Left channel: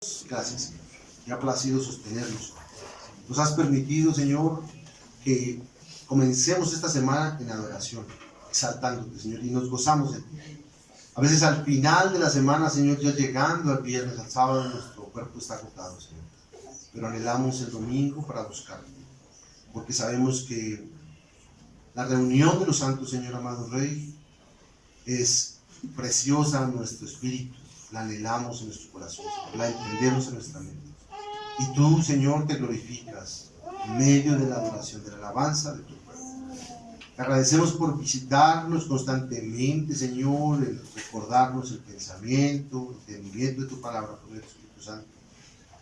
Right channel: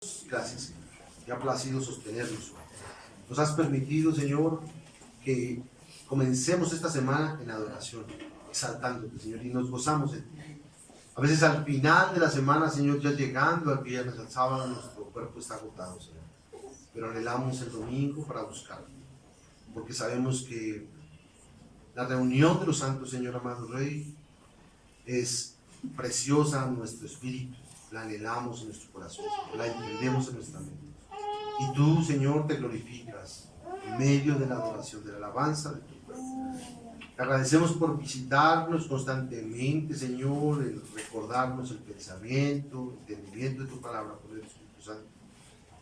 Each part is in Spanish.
Gracias, Señor. Te ha placido sostenernos. Nos has permitido, Señor, que comencemos esta semana en adoración, exaltándote, Señor, y nos gozamos en ti. A veces al final de la semana, Señor, ya llegando al viernes, al sábado, nuestro cuerpo está agotado, Señor. Pero anhelamos el domingo para buscarte, porque sabemos que la reunión de los santos, Señor amado Rey, es preciosa en nuestro espíritu. La anhelamos en nuestro corazón, la entendemos en nuestra mente. Y tú, Señor, te glorificas en medio de la adoración, de la alabanza de tu pueblo. Te agradecemos por visitarnos constantemente, Señor, en recordarnos el pensamiento, el entendimiento de tu palabra por el Espíritu Santo.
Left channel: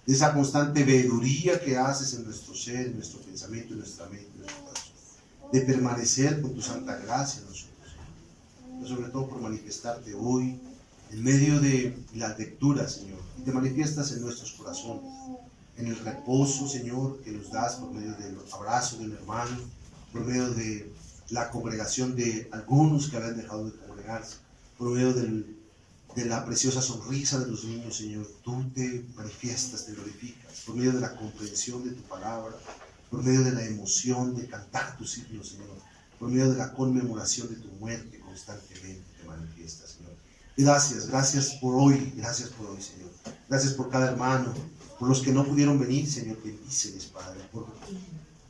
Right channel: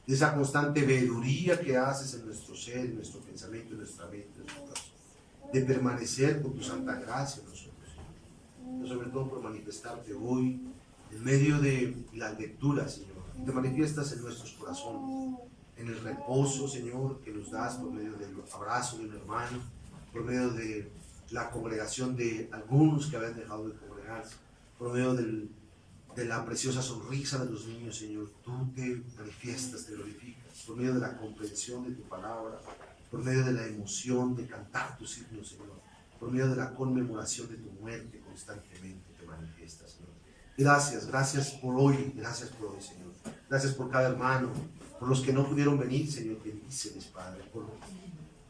De esa constante veeduría que haces en nuestro ser, en nuestro pensamiento, en nuestra mente, en nuestro corazón. De permanecer con tu santa gracia en nosotros, Señor. Pero sobre todo por manifestarte hoy en medio de las lecturas, Señor, y te manifiestas en nuestros corazones, en el reposo, Señor, que nos das por medio del abrazo de un hermano, por medio de la congregación de algunos que habían dejado de congregarse, por medio de la preciosa sonrisa de los niños, Señor. Tú te manifiestas, te glorificas, por medio de la comprensión de tu palabra, por medio de la emoción de cantar tus himnos, Señor, por medio de la conmemoración de tu muerte constantemente te manifiestas, Señor. Gracias por hoy, Señor. Gracias por cada hermano, por los que no pudieron venir, Señor, bendíceles, Padre, por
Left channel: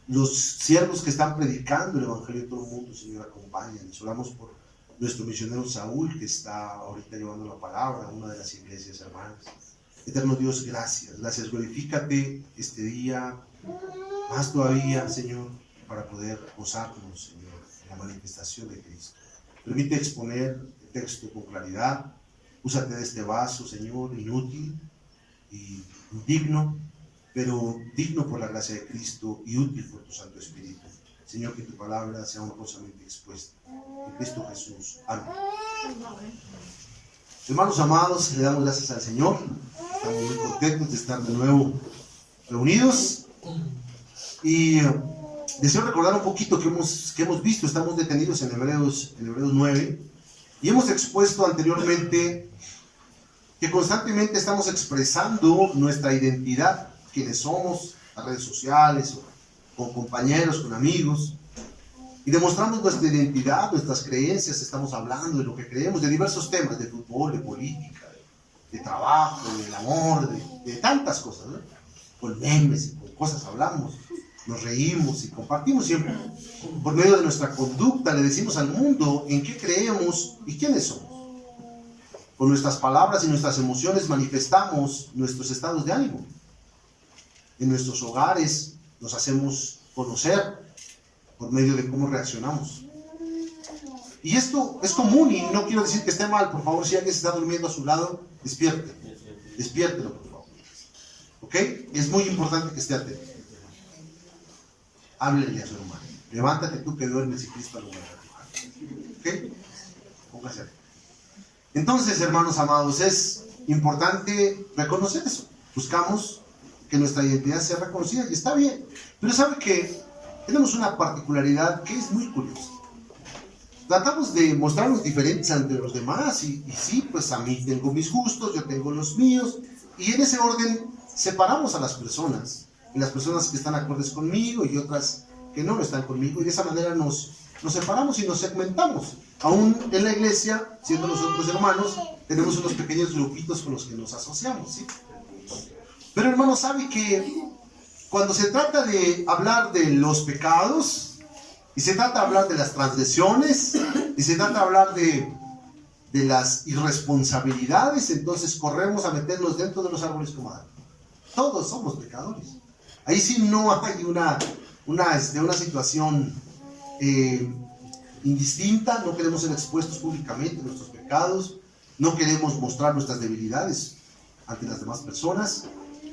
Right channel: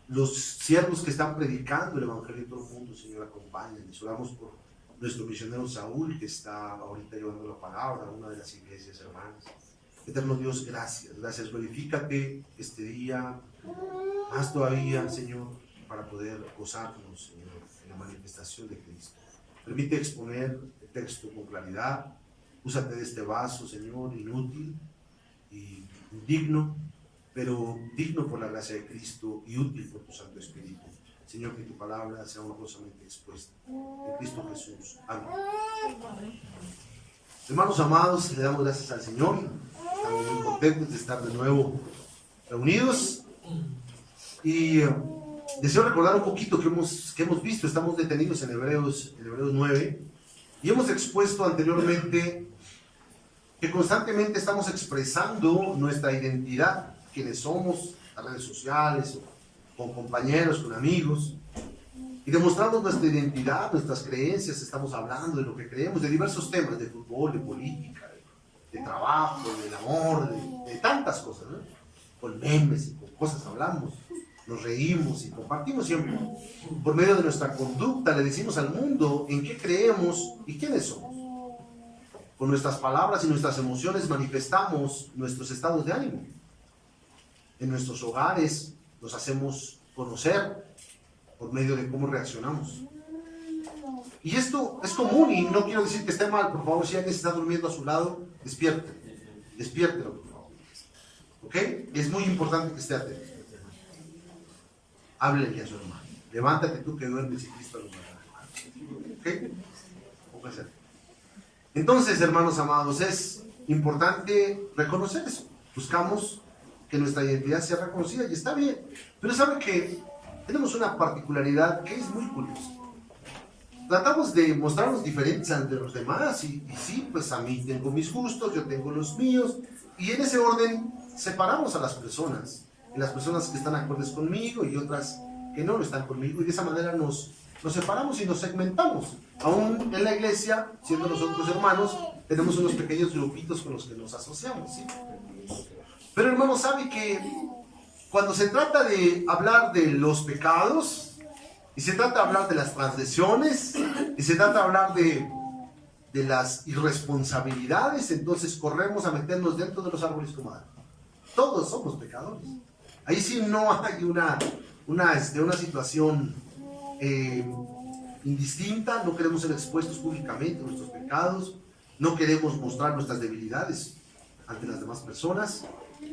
los siervos que están predicando el Evangelio en todo el mundo, Señor, acompáñanos. Oramos por nuestro misionero Saúl, que está ahorita llevando la palabra a una de las iglesias hermanas. Eterno Dios, gracias, glorifícate este día, más todavía, Señor, para poder gozarnos, Señor, en la manifestación de Cristo. Permite exponer el texto con claridad. Úsate de este vaso, Señor, inútil y indigno, pero digno por la gracia de Cristo y útil por tu Santo Espíritu. Señor, que tu palabra sea honrosamente expuesta. En Cristo Jesús. Amén. Hermanos amados, le damos gracias al Señor. Estamos muy contentos de estar de nuevo reunidos. Y deseo recordar un poquito que hemos visto. Estamos detenidos en Hebreos 9. Y hemos expuesto anteriormente que constantemente estamos expresando nuestra identidad, quienes somos, las redes sociales, o con compañeros, con amigos, y demostrando nuestra identidad, nuestras creencias. Estamos hablando de lo que creemos, de diversos temas, de fútbol, de política, de trabajo, del amor, de tantas cosas, ¿no? Con memes y con cosas hablamos, nos reímos y compartimos siempre. Por medio de nuestra conducta le decimos al mundo en qué creemos y quiénes somos. Con nuestras palabras y nuestras emociones manifestamos nuestros estados de ánimo. En nuestros hogares nos hacemos conocer por medio de cómo reaccionamos. Y esto es común, y no quiero decir que esté mal. Por favor, si alguien se está durmiendo a su lado, despiértelo, por favor. ¿Ok? Es muy importante que esté atento. Háblele a su hermano. Levántate tú que duermes y Cristo lo va a tocar. ¿Ok? Póngase atento. Entonces, hermanos amados, es importante reconocer eso. Buscamos que nuestra identidad sea reconocida y está bien. Pero sabe que tenemos una particularidad que es muy curiosa. Tratamos de mostrarnos diferentes ante los demás y sí, pues a mí tengo mis gustos, yo tengo los míos, y en ese orden separamos a las personas, y las personas que están acordes conmigo y otras que no lo están conmigo, y de esa manera nos separamos y nos segmentamos. Aún en la iglesia, siendo nosotros hermanos, tenemos unos pequeños grupitos con los que nos asociamos, ¿sí? Pero hermano, sabe que cuando se trata de hablar de los pecados, y se trata de hablar de las transgresiones, y se trata de hablar de las irresponsabilidades, entonces corremos a meternos dentro de los árboles como Adán. Todos somos pecadores. Ahí sí no hay una situación indistinta. No queremos ser expuestos públicamente a nuestros pecados, no queremos mostrar nuestras debilidades ante las demás personas,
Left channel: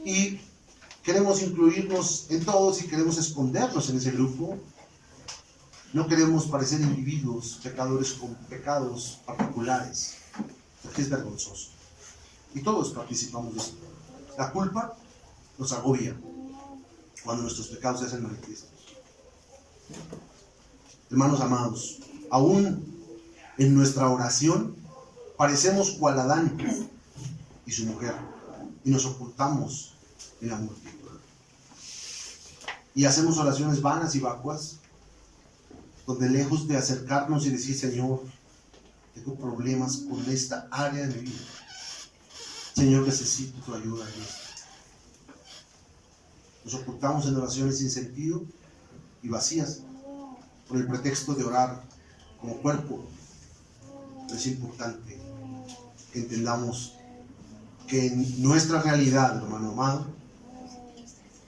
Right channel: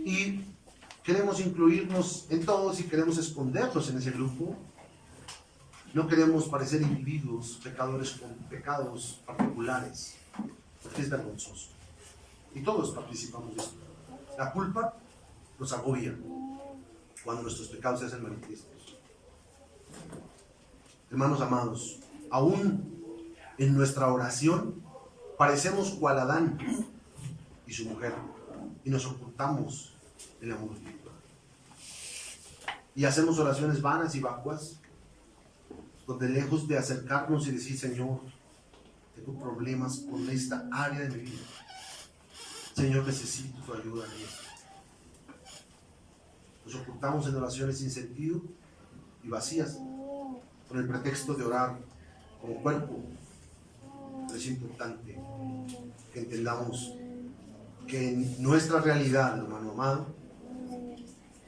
y queremos incluirnos en todos y queremos escondernos en ese grupo. No queremos parecer individuos pecadores con pecados particulares, porque es vergonzoso. Y todos participamos de esto. La culpa nos agobia cuando nuestros pecados se hacen manifiestos. Hermanos amados, aún en nuestra oración parecemos cual Adán y su mujer. y nos ocultamos en la multitud. Y hacemos oraciones vanas y vacuas, donde lejos de acercarnos y decir, Señor, tengo problemas con esta área de mi vida. Señor, necesito tu ayuda en esto. Nos ocultamos en oraciones sin sentido y vacías, por el pretexto de orar como cuerpo. Pero es importante que entendamos que en nuestra realidad, hermano amado,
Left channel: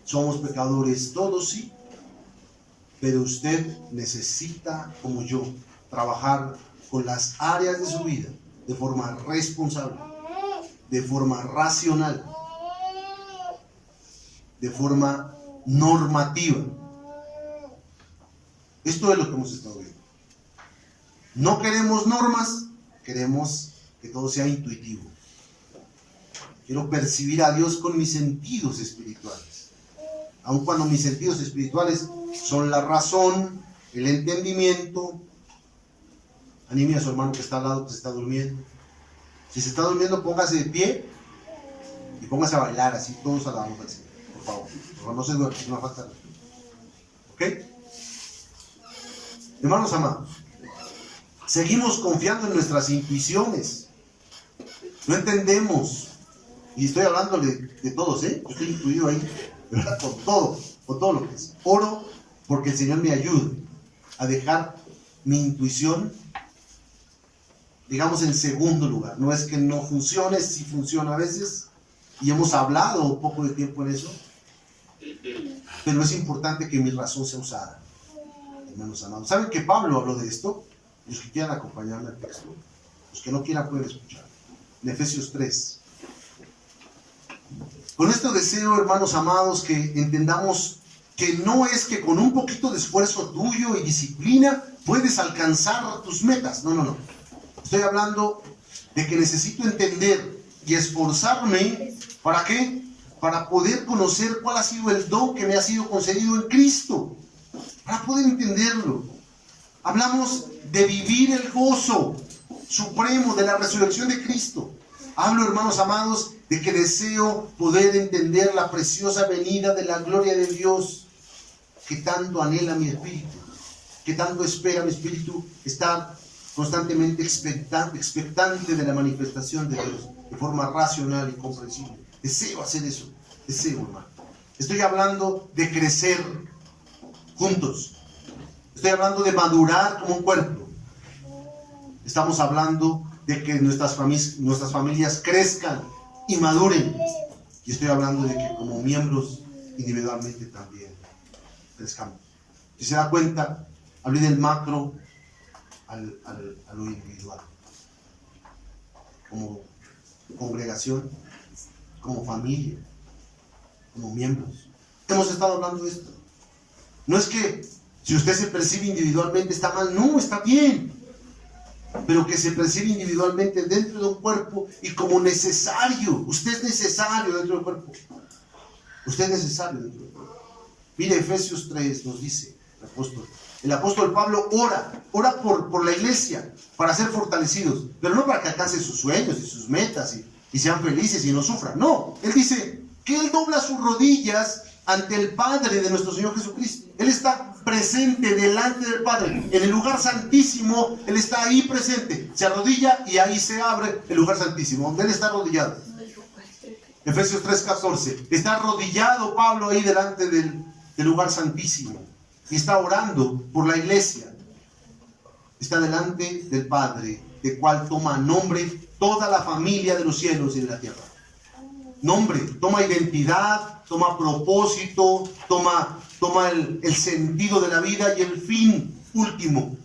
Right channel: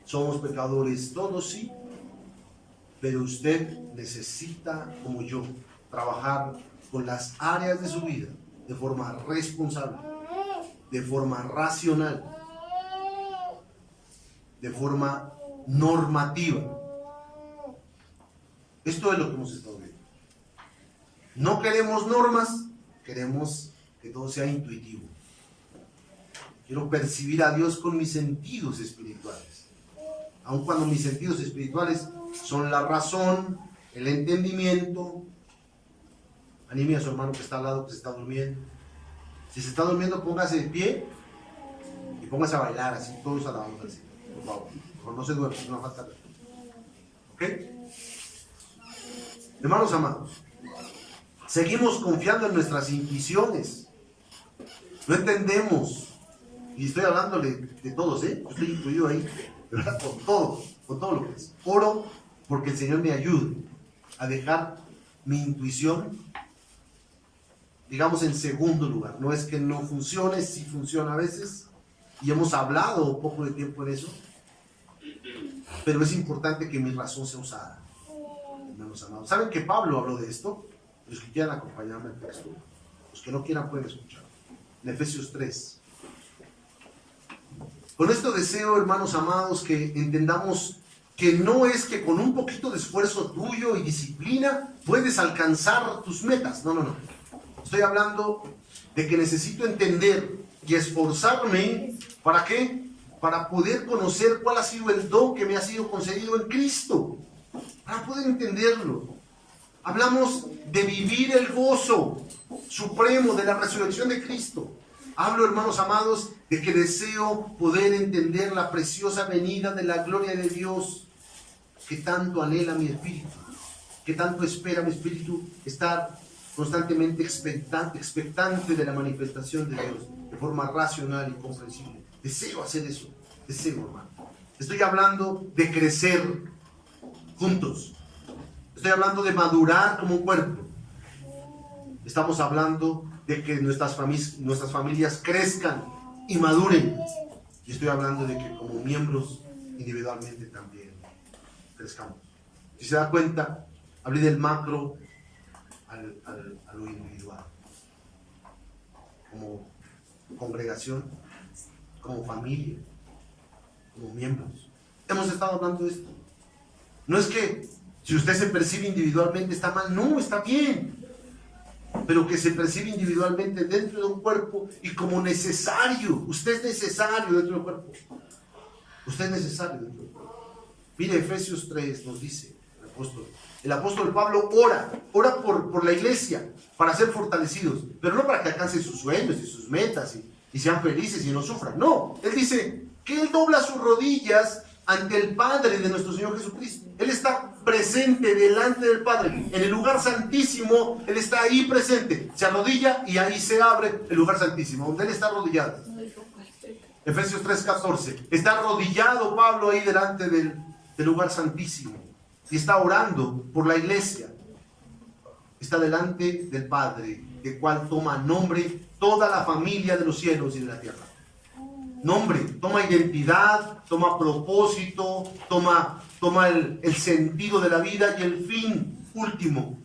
somos pecadores todos, sí, pero usted necesita, como yo, trabajar con las áreas de su vida de forma responsable, de forma racional, de forma normativa. Esto es lo que hemos estado viendo. No queremos normas, queremos que todo sea intuitivo. Quiero percibir a Dios con mis sentidos espirituales, aun cuando mis sentidos espirituales son la razón, el entendimiento. Anime a su hermano que está al lado, que se está durmiendo. Si se está durmiendo, póngase de pie y póngase a bailar así, todos a la boca así, por favor. No se duerma, es una falta de respeto. ¿Ok? Hermanos amados, seguimos confiando en nuestras intuiciones. No entendemos, y estoy hablando de todos, yo estoy incluido ahí, ¿verdad? Con todo lo que es. Oro porque el Señor me ayude a dejar mi intuición, digamos, en segundo lugar. No es que no funcione, sí funciona a veces, y hemos hablado un poco de tiempo en eso, pero es importante que mi razón sea usada, hermanos amados. ¿Saben que Pablo habló de esto? Los que quieran acompañarme al texto, los que no quieran pueden escuchar. En Efesios 3. Con esto deseo, hermanos amados, que entendamos que no es que con un poquito de esfuerzo tuyo y disciplina puedes alcanzar tus metas. No. Estoy hablando de que necesito entender y esforzarme. ¿Para qué? Para poder conocer cuál ha sido el don que me ha sido concedido en Cristo. Para poder entenderlo. Hablamos de vivir el gozo supremo de la resurrección de Cristo. Hablo, hermanos amados, de que deseo poder entender la preciosa venida de la gloria de Dios que tanto anhela mi espíritu, que tanto espera mi espíritu, estar constantemente expectante de la manifestación de Dios de forma racional y comprensible. Deseo hacer eso, deseo, hermano. Estoy hablando de crecer juntos. Estoy hablando de madurar como un cuerpo. Estamos hablando de que nuestras familias crezcan y maduren. Y estoy hablando de que como miembros individualmente también crezcamos. Si se da cuenta, hablé del macro a lo individual. Como congregación, como familia, como miembros. Hemos estado hablando de esto. No es que si usted se percibe individualmente está mal, no, está bien. Pero que se percibe individualmente dentro de un cuerpo y como necesario. Usted es necesario dentro del cuerpo. Usted es necesario dentro del cuerpo. Mire, Efesios 3 nos dice el apóstol Pablo ora por la iglesia para ser fortalecidos, pero no para que alcancen sus sueños y sus metas y sean felices y no sufran. No, él dice que él dobla sus rodillas ante el Padre de nuestro Señor Jesucristo. Él está presente delante del Padre, en el lugar santísimo. Él está ahí presente, se arrodilla y ahí se abre el lugar santísimo, donde él está arrodillado. Efesios 3:14, está arrodillado Pablo ahí delante del lugar santísimo y está orando por la iglesia. Está delante del Padre, de cual toma nombre toda la familia de los cielos y de la tierra. Nombre, toma identidad, toma propósito, toma el sentido de la vida, y el fin último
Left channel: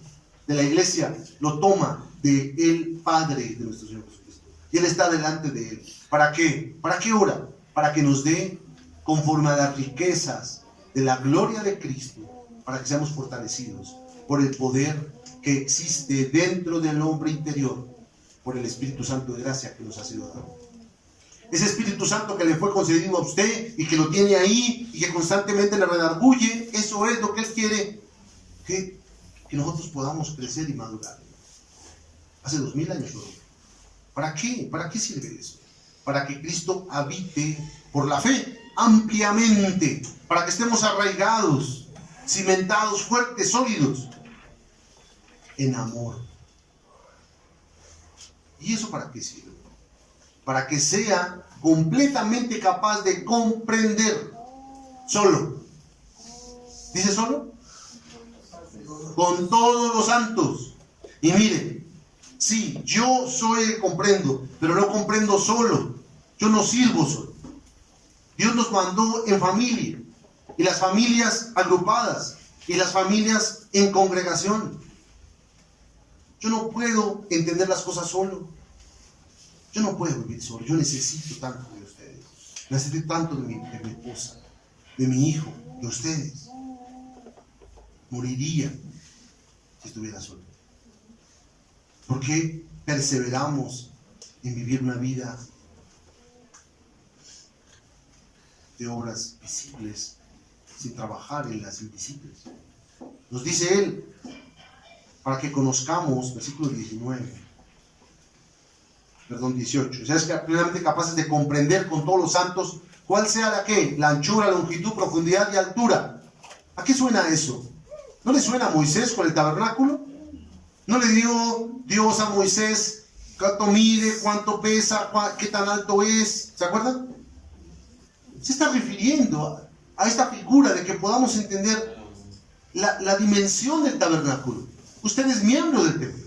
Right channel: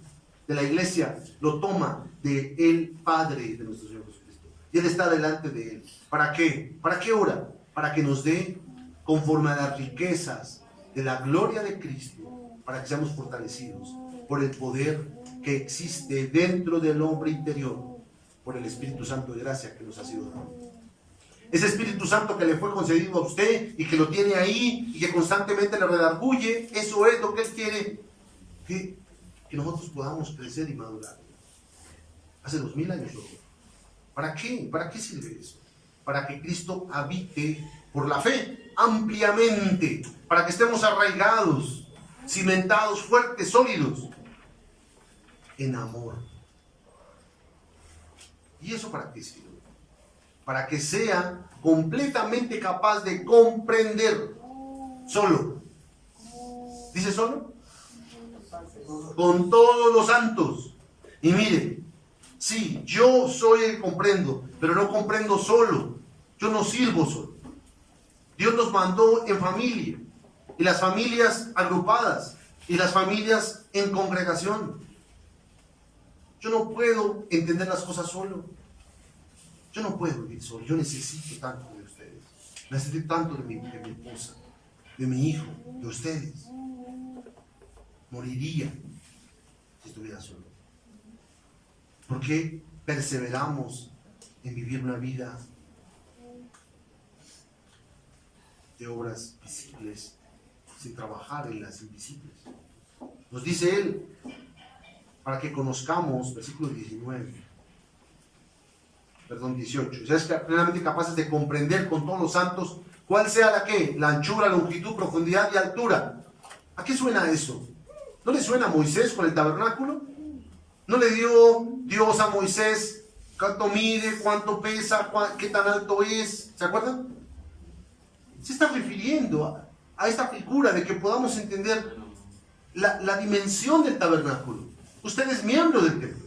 de la iglesia lo toma de el Padre de nuestro Señor Jesucristo. Y Él está delante de Él. ¿Para qué? ¿Para qué ora? Para que nos dé conforme a las riquezas de la gloria de Cristo, para que seamos fortalecidos por el poder que existe dentro del hombre interior, por el Espíritu Santo de gracia que nos ha sido dado. Ese Espíritu Santo que le fue concedido a usted y que lo tiene ahí y que constantemente le redarguye, eso es lo que Él quiere, que nosotros podamos crecer y madurar. Hace 2000 años lo dijo. ¿Para qué? ¿Para qué sirve eso? para que Cristo habite por la fe ampliamente, para que estemos arraigados, cimentados, fuertes, sólidos en amor. ¿Y eso para qué sirve? Para que sea completamente capaz de comprender solo. ¿Dice solo? Con todos los santos. Y mire, sí, yo soy el que comprendo, pero no comprendo solo. Yo no sirvo solo. Dios nos mandó en familia, y las familias agrupadas, y las familias en congregación. Yo no puedo entender las cosas solo. Yo no puedo vivir solo. Yo necesito tanto de ustedes. Necesito tanto de mi esposa, de mi hijo, de ustedes. Moriría si estuviera solo. ¿Por qué perseveramos en vivir una vida de obras visibles sin trabajar en las invisibles? Nos dice él, para que conozcamos, versículo 18, seas plenamente capaces de comprender con todos los santos cuál sea la anchura, longitud, profundidad y altura. ¿A qué suena eso? ¿No le suena a Moisés con el tabernáculo? ¿No le dio Dios a Moisés cuánto mide, cuánto pesa, qué tan alto es? ¿Se acuerdan? Se está refiriendo a esta figura de que podamos entender la dimensión del tabernáculo. Usted es miembro del templo.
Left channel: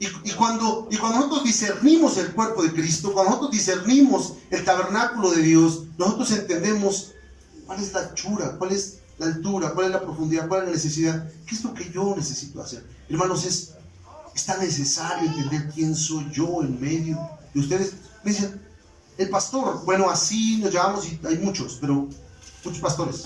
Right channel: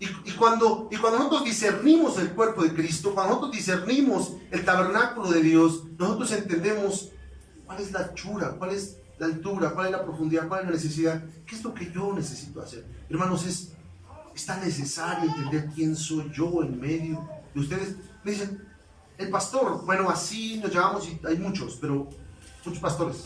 Y cuando nosotros discernimos el cuerpo de Cristo, cuando nosotros discernimos el tabernáculo de Dios, nosotros entendemos cuál es la anchura, cuál es la altura, cuál es la profundidad, cuál es la necesidad, qué es lo que yo necesito hacer. Hermanos, es tan necesario entender quién soy yo en medio de ustedes. Me dicen, el pastor, bueno, así nos llamamos y hay muchos pastores.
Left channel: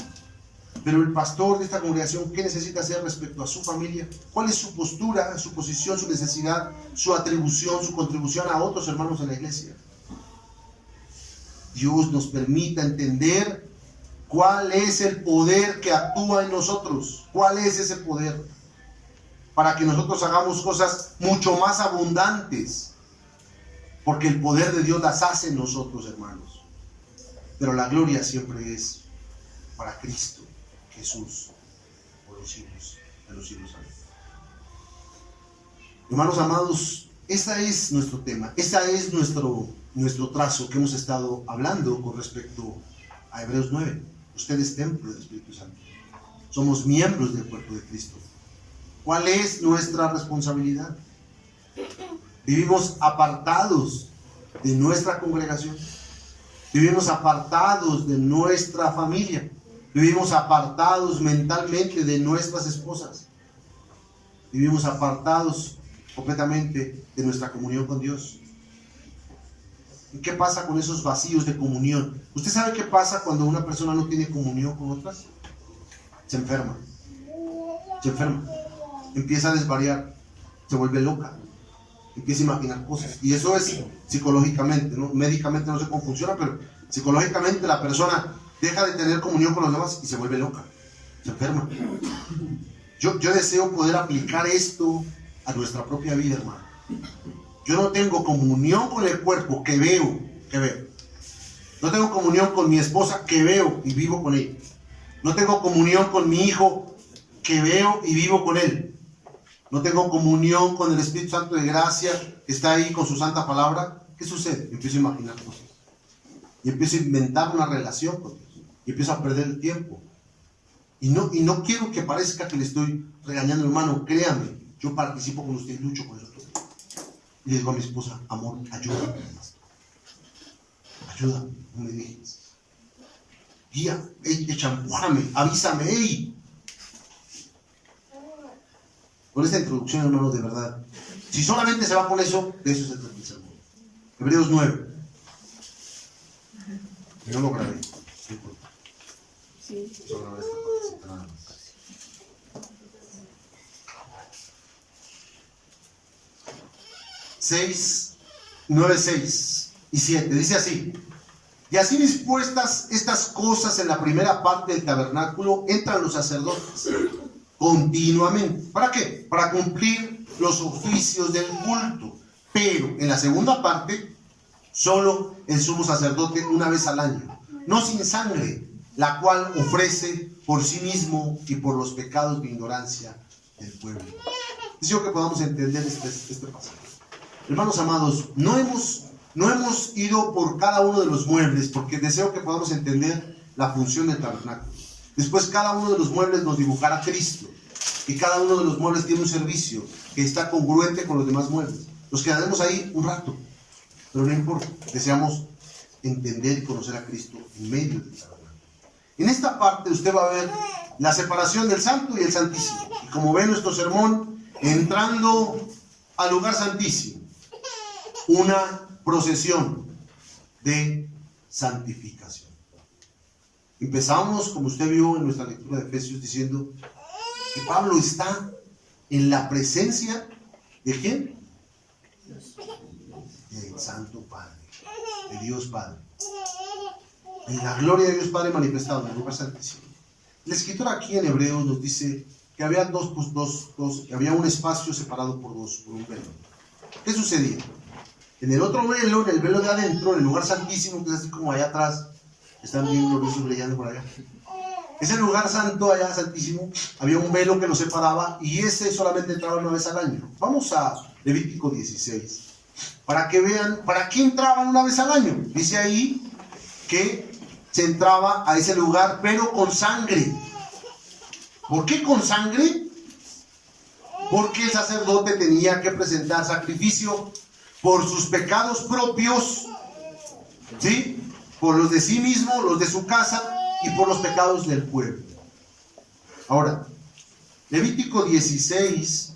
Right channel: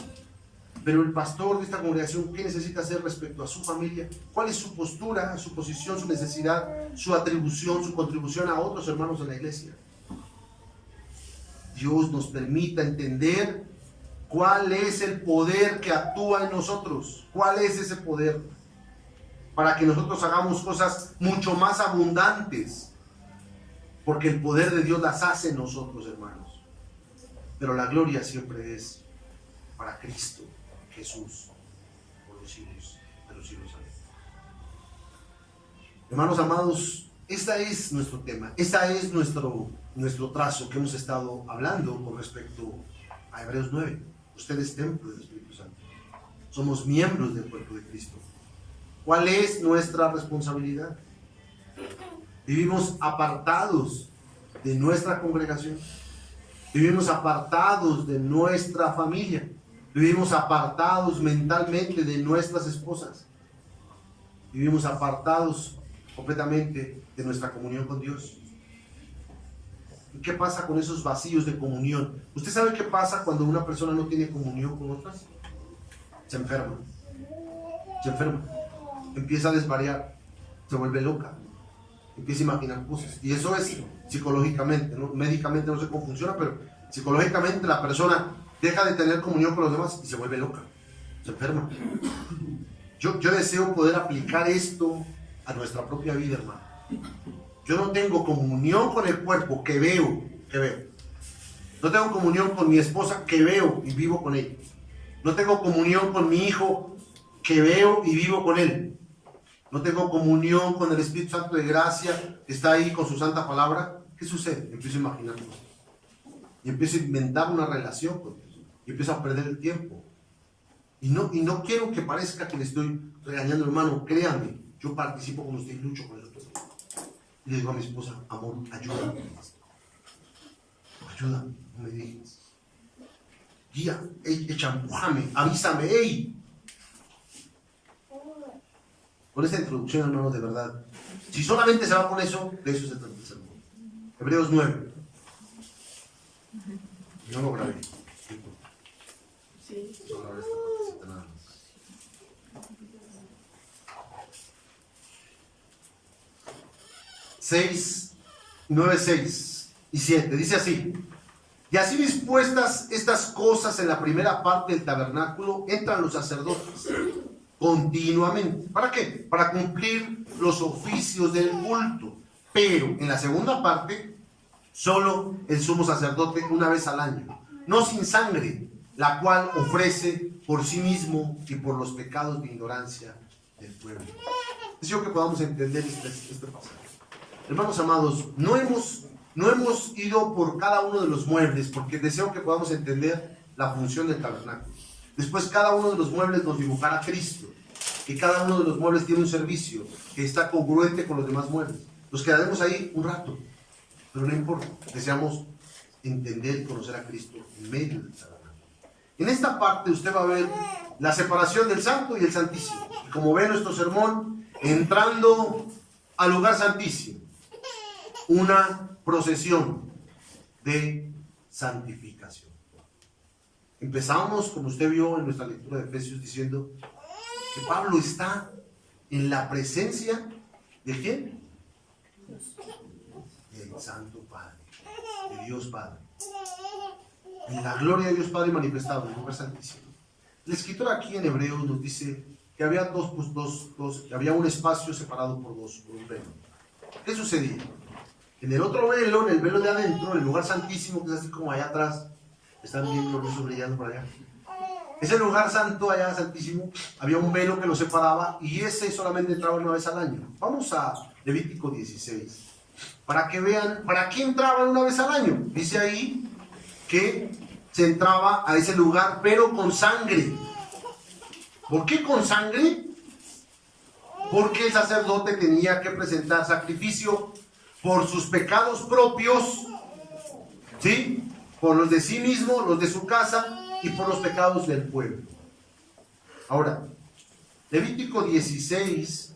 Pero el pastor de esta congregación, ¿qué necesita hacer respecto a su familia? ¿Cuál es su postura, su posición, su necesidad, su atribución, su contribución a otros hermanos de la iglesia? Dios nos permita entender cuál es el poder que actúa en nosotros. ¿Cuál es ese poder? Para que nosotros hagamos cosas mucho más abundantes. Porque el poder de Dios las hace en nosotros, hermanos. Pero la gloria siempre es para Cristo Jesús, por los siglos de los siglos. Hermanos amados, este es nuestro tema, este es nuestro trazo que hemos estado hablando con respecto a Hebreos 9. Usted es templo del Espíritu Santo. Somos miembros del cuerpo de Cristo. ¿Cuál es nuestra responsabilidad? Vivimos apartados de nuestra congregación. Vivimos apartados de nuestra familia. Vivimos apartados mentalmente de nuestras esposas. Vivimos apartados completamente de nuestra comunión con Dios. ¿Y qué pasa con esos vacíos de comunión? ¿Usted sabe qué pasa cuando una persona no tiene comunión con otras? Se enferma. Empieza a desvariar. Se vuelve loca. Empieza a imaginar cosas. Y eso es psicológicamente, ¿no? Médicamente no sé cómo funciona, pero psicológicamente la persona deja de tener comunión con los demás y se vuelve loca, se enferma. Yo deseo poder aplicar esto a nuestra propia vida, hermano. Yo no tengo comunión con el cuerpo que veo. No tengo comunión con mi esposa que veo y vivo con ella. No tengo comunión con mi hijo que veo y vivo con él. No tengo comunión con el Espíritu Santo de gracia que está ahí con su santa palabra. ¿Qué sucede? Empiezo a imaginar cosas. Y empiezo a inventar una relación con Dios. Y empiezo a perder el tiempo. Y no quiero que parezca que le estoy regañando, hermano. Créame, yo participo con usted y lucho con eso todo. Y le digo a mi esposa, amor, ayúdame. Ayúdame, no me dejes. Guía, empújame, avísame, ey. Con esta introducción, hermano, de verdad. Si solamente se va con eso, de eso se trata el sermón. Hebreos 9. Yo no lo grabé. Sí. Solo grabé esta partecita nada más. Seis, 9, 6 y 7. Dice así. Y así dispuestas estas cosas en la primera parte del tabernáculo, entran los sacerdotes continuamente. ¿Para qué? Para cumplir los oficios del culto. Pero en la segunda parte Solo el sumo sacerdote una vez al año, no sin sangre, la cual ofrece por sí mismo y por los pecados de ignorancia del pueblo. Deseo que podamos entender este pasaje. Hermanos amados, no hemos ido por cada uno de los muebles, porque deseo que podamos entender la función del tabernáculo. Después cada uno de los muebles nos dibujará a Cristo, y cada uno de los muebles tiene un servicio que está congruente con los demás muebles. Nos quedaremos ahí un rato, pero no importa, deseamos entender y conocer a Cristo en medio del tabernáculo. En esta parte usted va a ver la separación del santo y el santísimo, y como ve nuestro sermón, entrando al lugar santísimo, una procesión de santificación. Empezamos, como usted vio en nuestra lectura de Efesios, diciendo que Pablo está en la presencia ¿de quién? Del Santo Padre, de Dios Padre, en la gloria de Dios Padre manifestado en el lugar santísimo. El escritor aquí en Hebreos nos dice que había había un espacio separado por un velo. ¿Qué sucedía? En el otro velo, en el velo de adentro, en el lugar santísimo, que es así como allá atrás, están bien gloriosos brillando por allá. Ese lugar santo, allá santísimo, había un velo que lo separaba y ese solamente entraba una vez al año. Vamos a Levítico 16, para que vean, ¿para qué entraban una vez al año? Dice ahí que se entraba a ese lugar, pero con sangre. ¿Por qué con sangre? Porque el sacerdote tenía que presentar sacrificio por sus pecados propios, ¿sí? Por los de sí mismo, los de su casa y por los pecados del pueblo. Ahora, Levítico 16.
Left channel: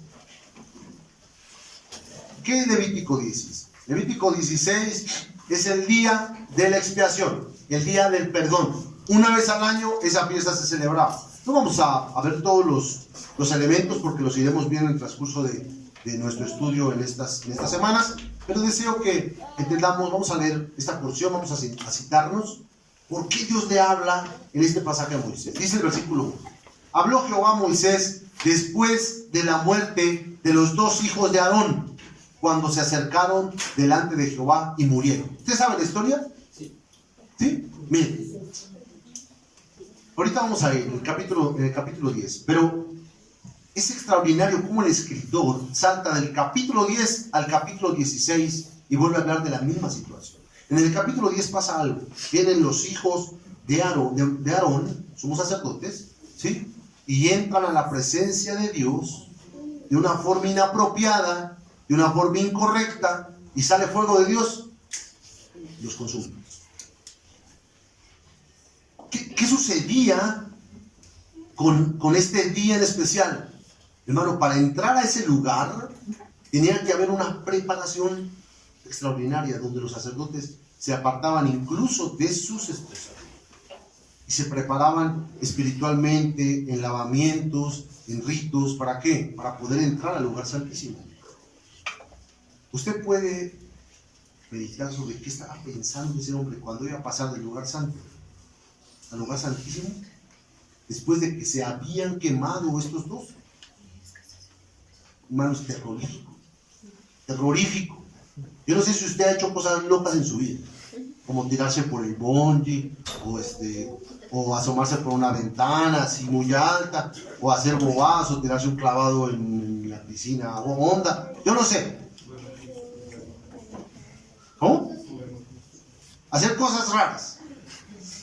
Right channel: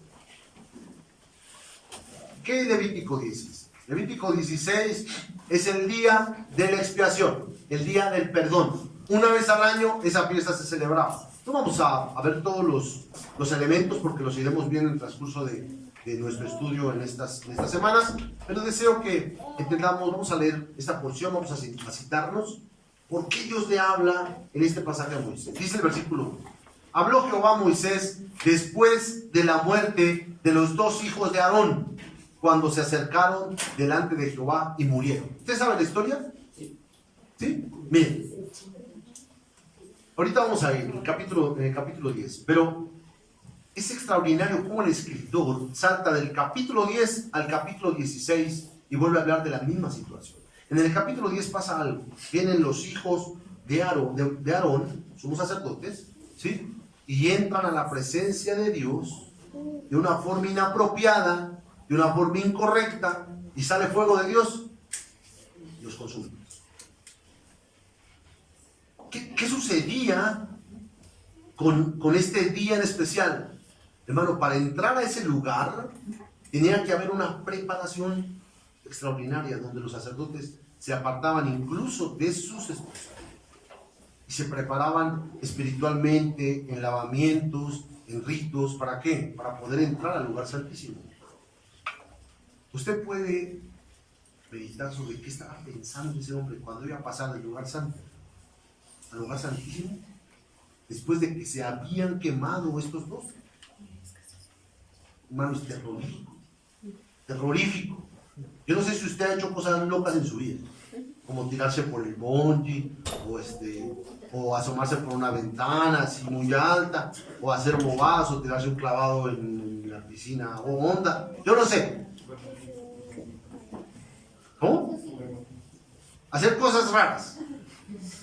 ¿Qué es Levítico 16? Levítico 16 es el día de la expiación, el día del perdón. Una vez al año esa fiesta se celebraba. No vamos a ver todos los elementos porque los iremos viendo en el transcurso de nuestro estudio en estas semanas, pero deseo que entendamos, vamos a leer esta porción, vamos a citarnos por qué Dios le habla en este pasaje a Moisés. Dice el versículo 1: habló Jehová a Moisés después de la muerte de los dos hijos de Aarón, cuando se acercaron delante de Jehová y murieron. ¿Usted sabe la historia? ¿Sí? Miren, ahorita vamos a ir en el capítulo 10, pero es extraordinario cómo el escritor salta del capítulo 10 al capítulo 16 y vuelve a hablar de la misma situación. En el capítulo 10 pasa algo. Vienen los hijos de Aarón, somos sacerdotes, ¿sí? Y entran a la presencia de Dios de una forma inapropiada, de una forma incorrecta, y sale fuego de Dios y los consume. ¿Qué sucedía con este día en especial? Hermano, para entrar a ese lugar tenía que haber una preparación extraordinaria donde los sacerdotes se apartaban incluso de sus esposas y se preparaban espiritualmente en lavamientos, en ritos. ¿Para qué? Para poder entrar al lugar santísimo. Usted puede meditar sobre qué estaba pensando ese hombre cuando iba a pasar del lugar santo al lugar santísimo después de que se habían quemado estos dos. Hermano, es terrorífico. Yo no sé si usted ha hecho cosas locas en su vida, como tirarse por el bungee, o asomarse por una ventana así muy alta, o hacer bobadas, o tirarse un clavado en la piscina o honda. Yo no sé. ¿Cómo? Hacer cosas raras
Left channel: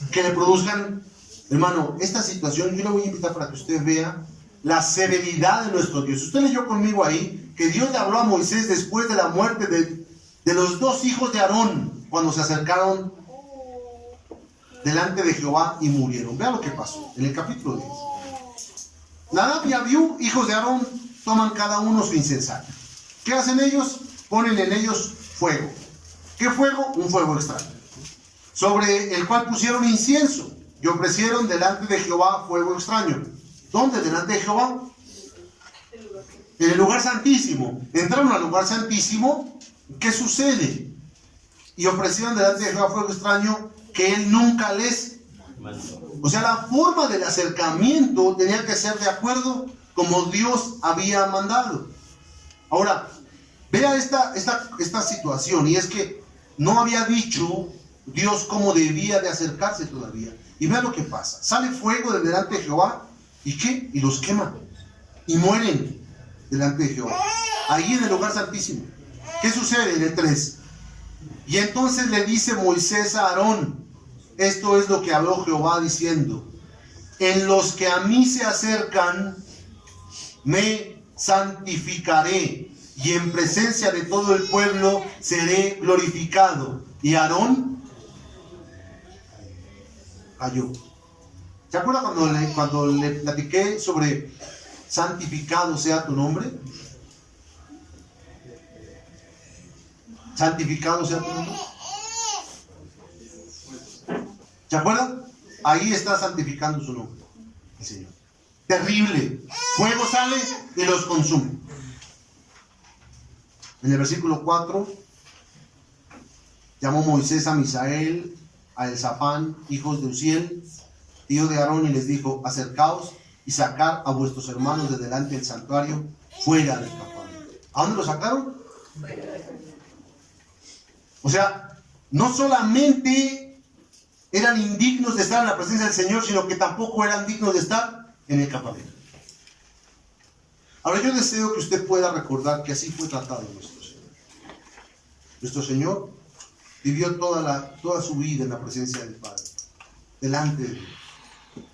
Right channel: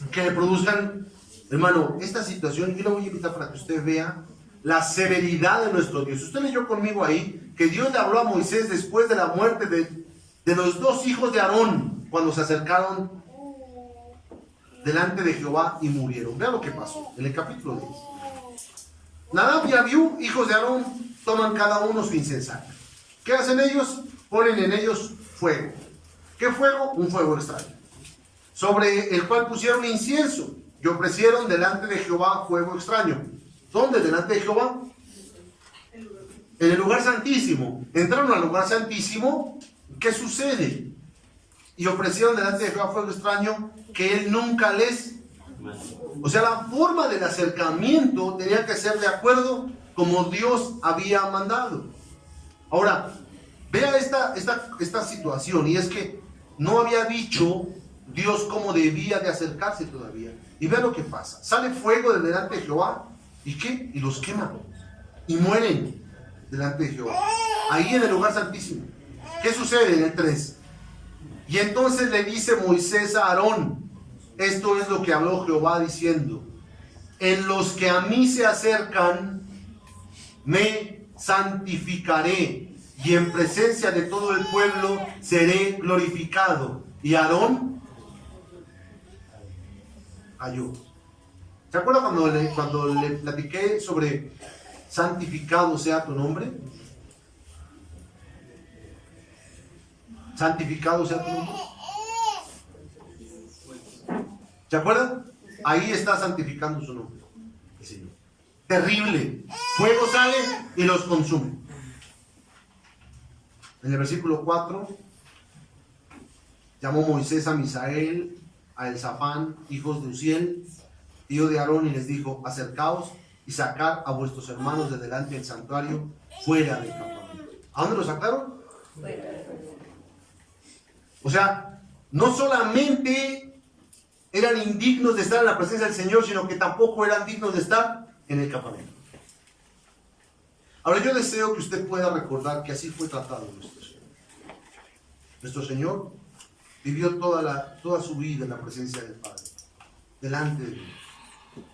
que le produzcan, hermano, esta situación. Yo le voy a invitar para que usted vea la severidad de nuestro Dios. Usted leyó conmigo ahí que Dios le habló a Moisés después de la muerte de los dos hijos de Aarón, cuando se acercaron delante de Jehová y murieron. Vea lo que pasó en el capítulo 10. Nadab y Abiú, hijos de Aarón, toman cada uno su incensario. ¿Qué hacen ellos? Ponen en ellos fuego. ¿Qué fuego? Un fuego extraño, sobre el cual pusieron incienso y ofrecieron delante de Jehová fuego extraño. ¿Dónde? Delante de Jehová. En el lugar santísimo. Entraron al lugar santísimo. ¿Qué sucede? Y ofrecieron delante de Jehová fuego extraño que él nunca les... O sea, la forma del acercamiento tenía que ser de acuerdo como Dios había mandado. Ahora, vea esta situación, y es que no había dicho Dios cómo debía de acercarse todavía. Y vea lo que pasa. Sale fuego de delante de Jehová. ¿Y qué? Y los quema. Y mueren delante de Jehová. Ahí en el lugar santísimo. ¿Qué sucede en el 3? Y entonces le dice Moisés a Aarón, esto es lo que habló Jehová diciendo: en los que a mí se acercan, me santificaré, y en presencia de todo el pueblo seré glorificado. Y Aarón cayó. ¿Se acuerda cuando le platiqué sobre santificado sea tu nombre? Santificado sea tu nombre. ¿Se acuerdan? Ahí está santificando su nombre el Señor. Terrible. Fuego sale y los consume. En el versículo 4, llamó Moisés a Misael, a Elzafán, hijos de Uziel, tío de Aarón, y les dijo: acercaos y sacad a vuestros hermanos de delante del santuario, fuera del campamento. ¿A dónde los sacaron? O sea, no solamente eran indignos de estar en la presencia del Señor, sino que tampoco eran dignos de estar en el campamento. Ahora, yo deseo que usted pueda recordar que así fue tratado nuestro Señor. Nuestro Señor vivió toda su vida en la presencia del Padre, delante de Dios.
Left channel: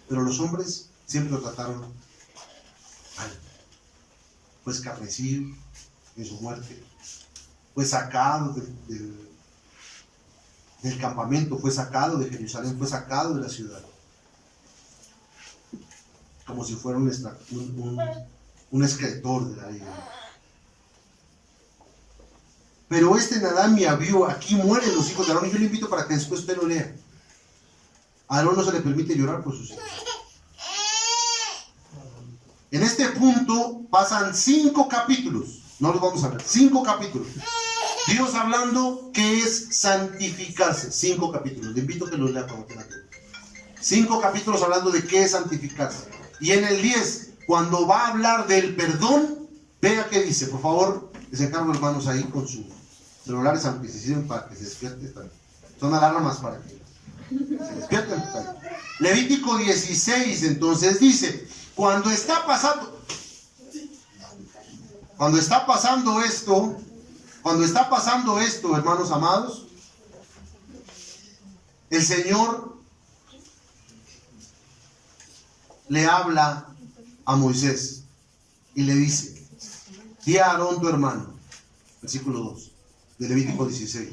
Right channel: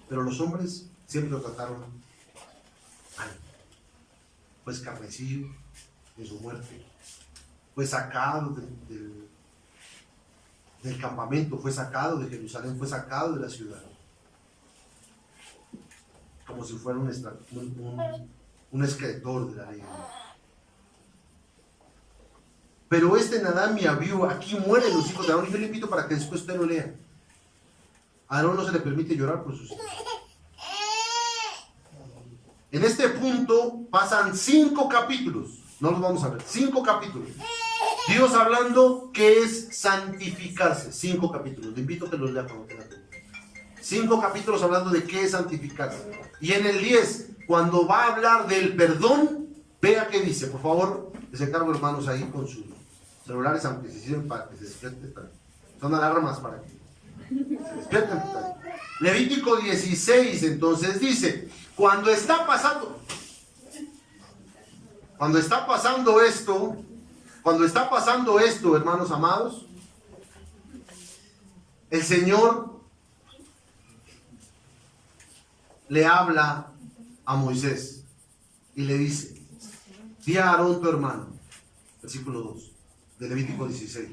Pero los hombres siempre lo trataron mal. Fue escarnecido en su muerte. Fue sacado del campamento, fue sacado de Jerusalén, fue sacado de la ciudad. Como si fuera un escritor de la ley. Pero Nadab y Abiú, aquí mueren los hijos de Aarón, y yo le invito para que después usted lo lea. A Aarón no se le permite llorar por sus hijos. En este punto pasan 5 capítulos, no los vamos a ver, 5 capítulos. Dios hablando que es santificarse. 5 capítulos, le invito a que los lea como tenga tiempo. 5 capítulos hablando de qué es santificarse. Y en el 10, cuando va a hablar del perdón, vea qué dice. Por favor, les encargo, hermanos, ahí con sus celulares, aunque se sirven para que se despierten también. Son alarmas para que se despierten. Levítico 16, entonces dice: cuando está pasando esto, hermanos amados, el Señor le habla a Moisés y le dice: di a Aarón tu hermano, versículo 2 de Levítico 16,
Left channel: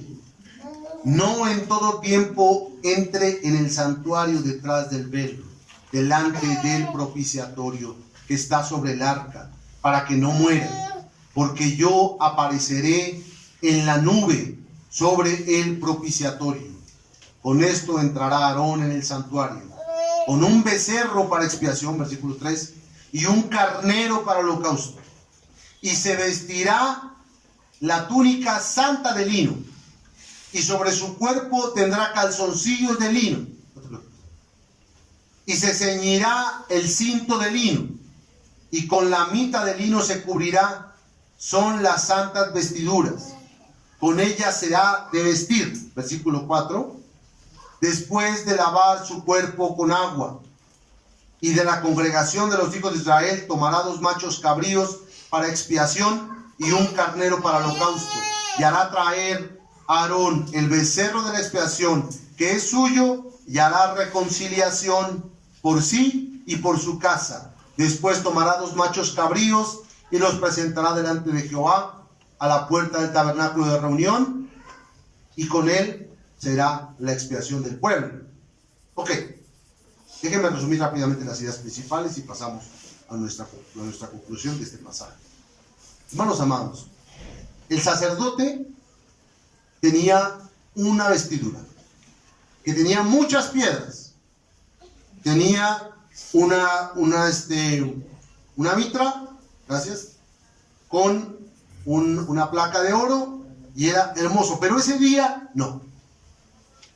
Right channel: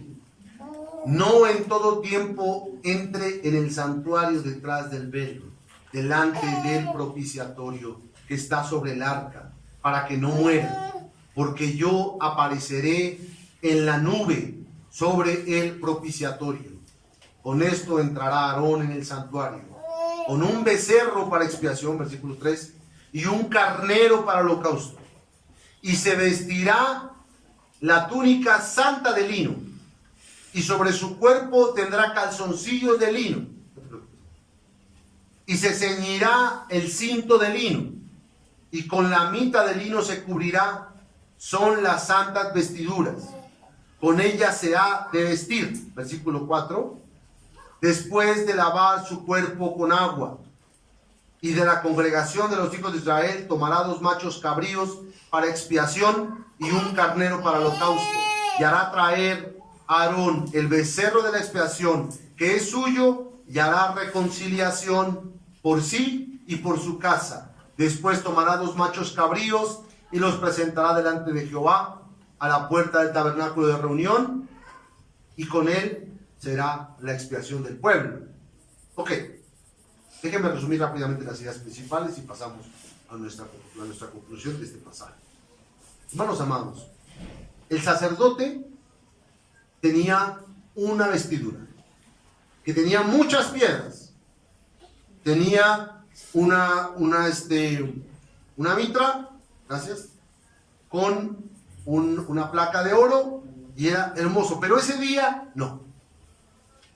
no en todo tiempo entre en el santuario detrás del velo, delante del propiciatorio que está sobre el arca, para que no muera, porque yo apareceré en la nube sobre el propiciatorio. Con esto entrará Aarón en el santuario, con un becerro para expiación, versículo 3, y un carnero para holocausto. Y se vestirá la túnica santa de lino, y sobre su cuerpo tendrá calzoncillos de lino, y se ceñirá el cinto de lino, y con la mita de lino se cubrirá. Son las santas vestiduras, con ellas se ha de vestir. Versículo 4. Después de lavar su cuerpo con agua, y de la congregación de los hijos de Israel tomará 2 machos cabríos para expiación y un carnero para holocausto, y hará traer a Aarón el becerro de la expiación que es suyo, y hará reconciliación por sí y por su casa. Después tomará 2 machos cabríos y los presentará delante de Jehová a la puerta del tabernáculo de reunión, y con él será la expiación del pueblo. Ok, déjenme resumir rápidamente las ideas principales y pasamos a nuestra conclusión de este pasaje. Hermanos amados, el sacerdote tenía una vestidura que tenía muchas piedras. Tenía una mitra, gracias, con una placa de oro, y era hermoso. Pero ese día no.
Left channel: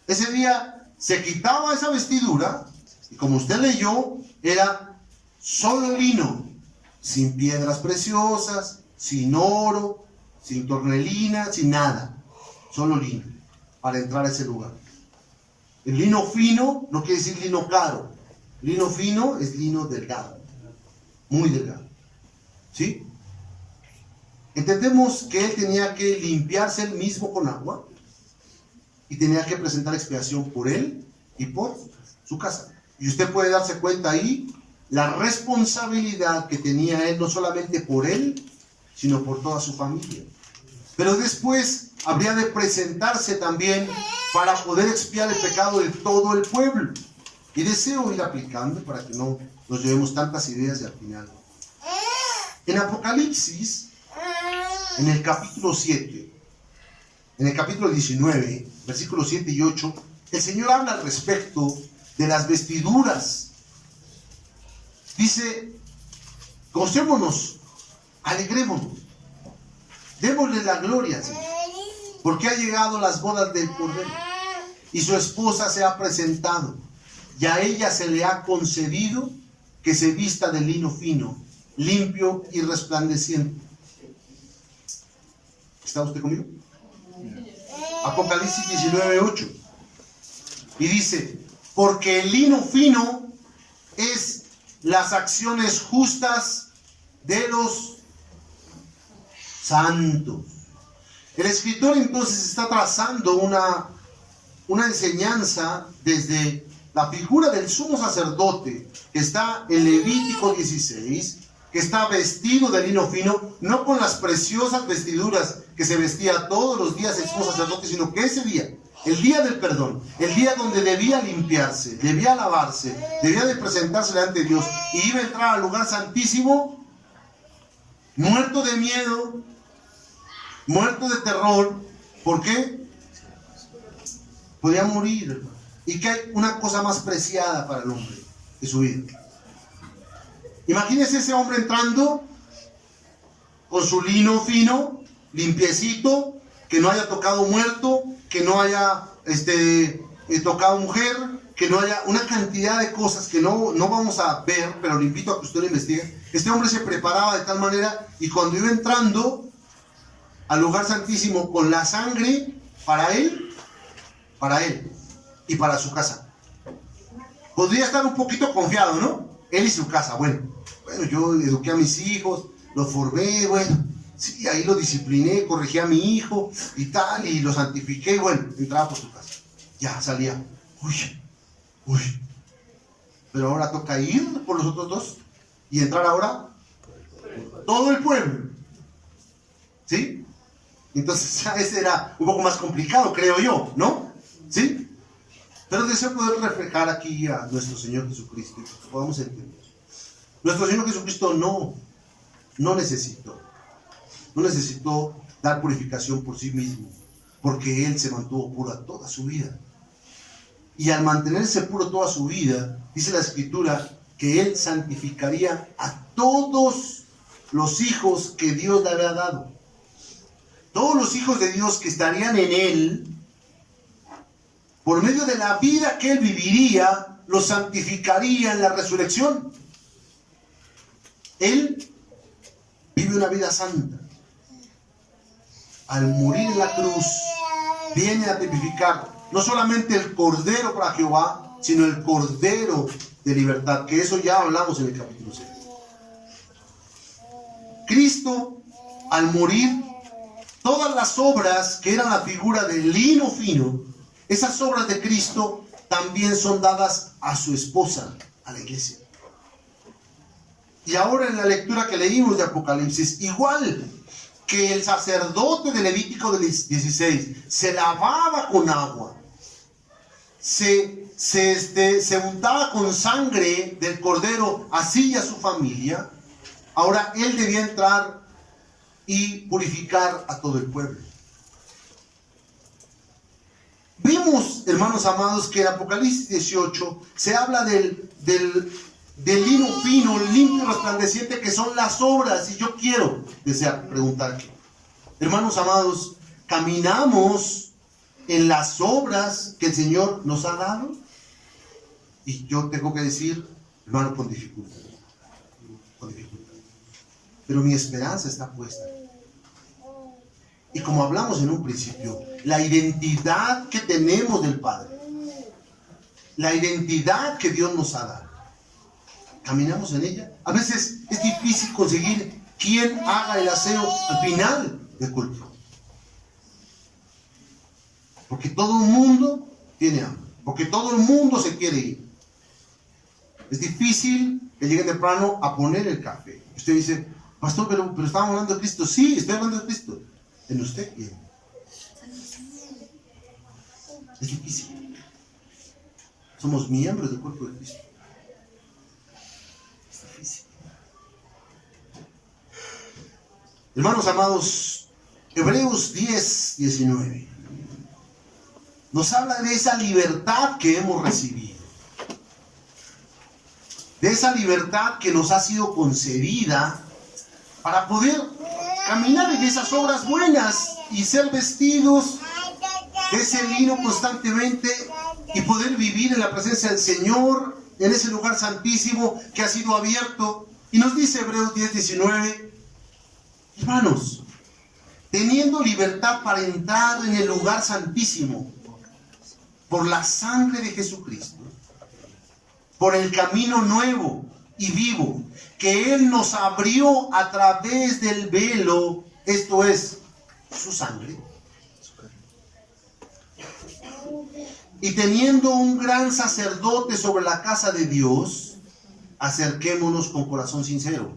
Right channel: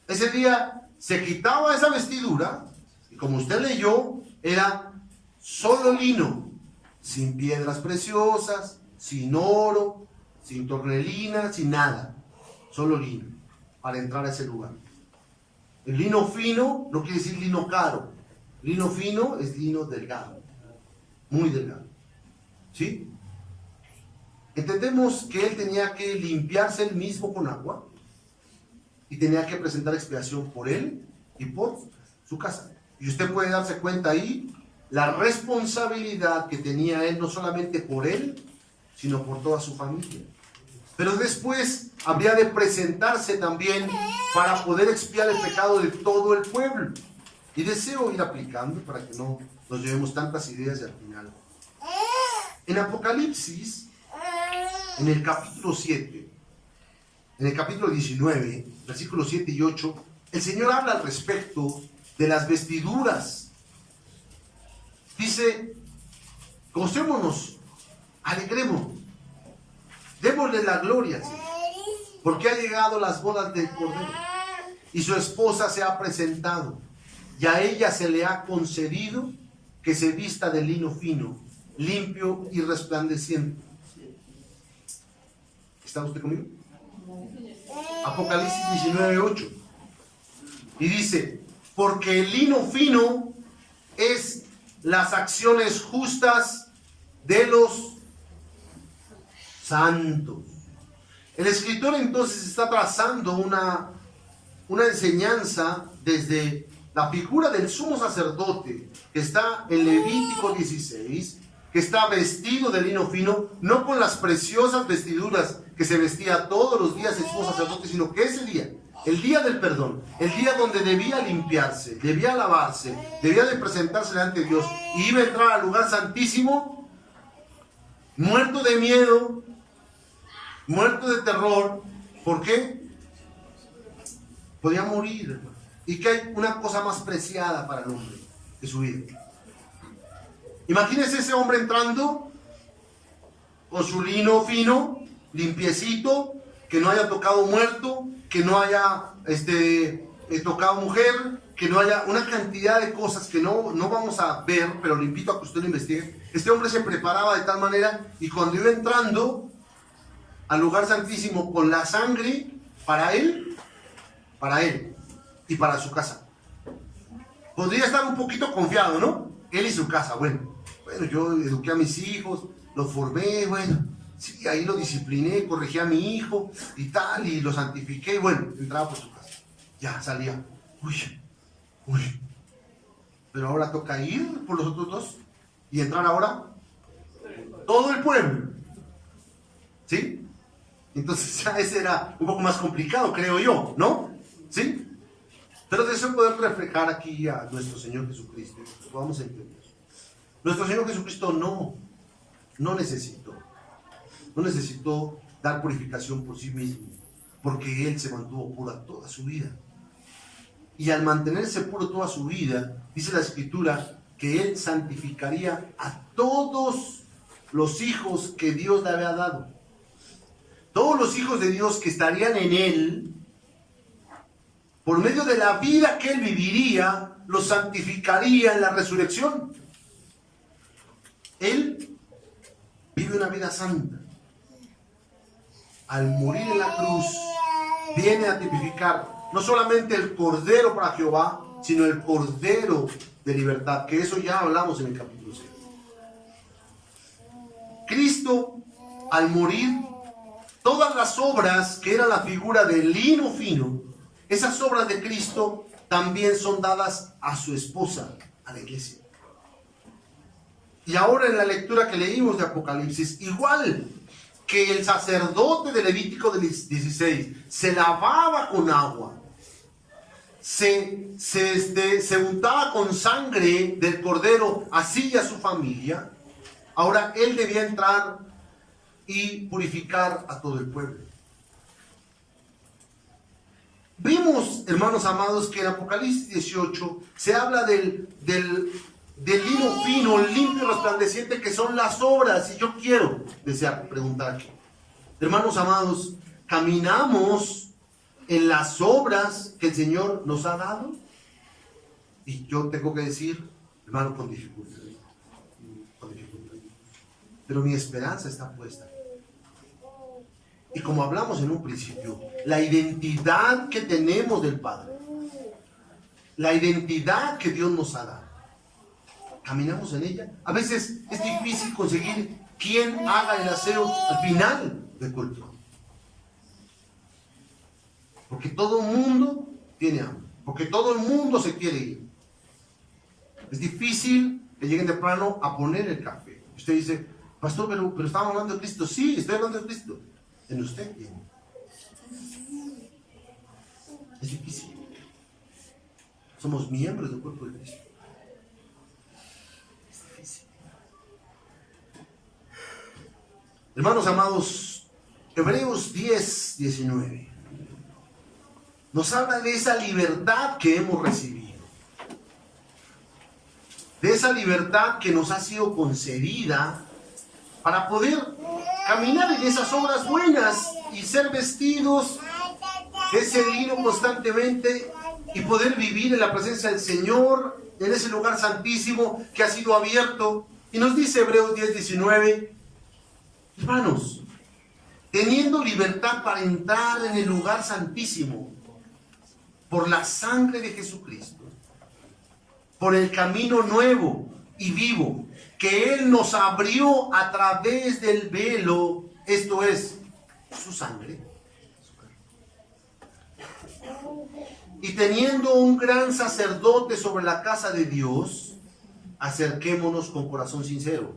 Ese día se quitaba esa vestidura, y como usted leyó, era solo lino, sin piedras preciosas, sin oro, sin tornelina, sin nada, solo lino. para entrar a ese lugar. El lino fino no quiere decir lino caro. Lino fino es lino delgado, muy delgado. ¿Sí? Entendemos que él tenía que limpiarse él mismo con agua y tenía que presentar expiación por él y por su casa. Y usted puede darse cuenta ahí la responsabilidad que tenía él, no solamente por él, sino por toda su familia. Pero después habría de presentarse también para poder expiar el pecado de todo el pueblo. Y deseo ir aplicando para que no nos llevemos tantas ideas y al final. En Apocalipsis, en el capítulo 7, en el capítulo 19, versículos 7 y 8, el Señor habla al respecto de las vestiduras. Dice, gocémonos, alegrémonos, démosle la gloria, Señor, porque ha llegado las bodas del Cordero y su esposa se ha presentado, y a ella se le ha concedido que se vista de lino fino, limpio y resplandeciente. ¿Está usted conmigo? Apocalipsis 19:8. Y dice, porque el lino fino es las acciones justas de los santos. El escritor entonces está trazando una enseñanza desde la figura del sumo sacerdote que está en Levítico 16, que está vestido de lino fino, no con las preciosas vestiduras que se vestía todos los días el sumo sacerdote, sino que ese día, el día del perdón, el día donde debía limpiarse, debía lavarse, debía de presentarse delante de Dios y iba a entrar al lugar santísimo, muerto de miedo, muerto de terror. ¿Por qué? Podía morir, hermano. Y que hay una cosa más preciada para el hombre que su vida. Imagínese ese hombre entrando con su lino fino, limpiecito, que no haya tocado muerto, que no haya tocado mujer, que no haya una cantidad de cosas que no vamos a ver, pero le invito a que usted lo investigue. Este hombre se preparaba de tal manera y cuando iba entrando al lugar santísimo con la sangre para él y para su casa. Podría estar un poquito confiado, ¿no? Él y su casa. Bueno, yo eduqué a mis hijos, los formé, bueno, sí, ahí lo discipliné, corregí a mi hijo y tal, y lo santifiqué, y bueno, entraba por su casa. Ya, salía. Uy. Pero ahora toca ir por los otros dos y entrar ahora todo el pueblo. ¿Sí? Entonces ya ese era un poco más complicado, creo yo, ¿no? ¿Sí? Pero deseo poder reflejar aquí a nuestro Señor Jesucristo, que podamos entender. Nuestro Señor Jesucristo no necesitó dar purificación por sí mismo, porque Él se mantuvo puro toda su vida. Y al mantenerse puro toda su vida, dice la Escritura que Él santificaría a todos los hijos que Dios le había dado. Todos los hijos de Dios que estarían en Él, por medio de la vida que Él viviría, los santificaría en la resurrección. Él vive una vida santa. Al morir en la cruz, viene a tipificar no solamente el Cordero para Jehová, sino el Cordero de libertad, que eso ya hablamos en el capítulo 6. Cristo, al morir, todas las obras que eran la figura del lino fino, esas obras de Cristo también son dadas a su esposa, a la iglesia. Y ahora en la lectura que leímos de Apocalipsis, igual que el sacerdote de Levítico 16 se lavaba con agua, se untaba con sangre del cordero, así y a su familia, ahora él debía entrar y purificar a todo el pueblo. Vimos, hermanos amados, que en Apocalipsis 18 se habla del lino fino, limpio y resplandeciente, que son las obras. Y yo quiero preguntar, hermanos amados, ¿caminamos en las obras que el Señor nos ha dado? Y yo tengo que decir, hermano, con dificultad. Pero mi esperanza está puesta. Y como hablamos en un principio, la identidad que tenemos del Padre, la identidad que Dios nos ha dado, caminamos en ella. A veces es difícil conseguir quien haga el aseo al final del culto, porque todo el mundo tiene hambre, porque todo el mundo se quiere ir. Es difícil que lleguen temprano a poner el café. Usted dice, pastor, pero estamos hablando de Cristo. Sí, estoy hablando de Cristo. En usted y en mí. Es difícil. Somos miembros del cuerpo de Cristo. Es difícil. Hermanos amados, Hebreos 10, 19 nos habla de esa libertad que hemos recibido, de esa libertad que nos ha sido concedida para poder caminar en esas obras buenas y ser vestidos de ese lino constantemente y poder vivir en la presencia del Señor, en ese lugar santísimo que ha sido abierto. Y nos dice Hebreos 10, 19, hermanos, teniendo libertad para entrar en el lugar santísimo por la sangre de Jesucristo, por el camino nuevo y vivo que Él nos abrió a través del velo, esto es, su sangre. Y teniendo un gran sacerdote sobre la casa de Dios, acerquémonos con corazón sincero,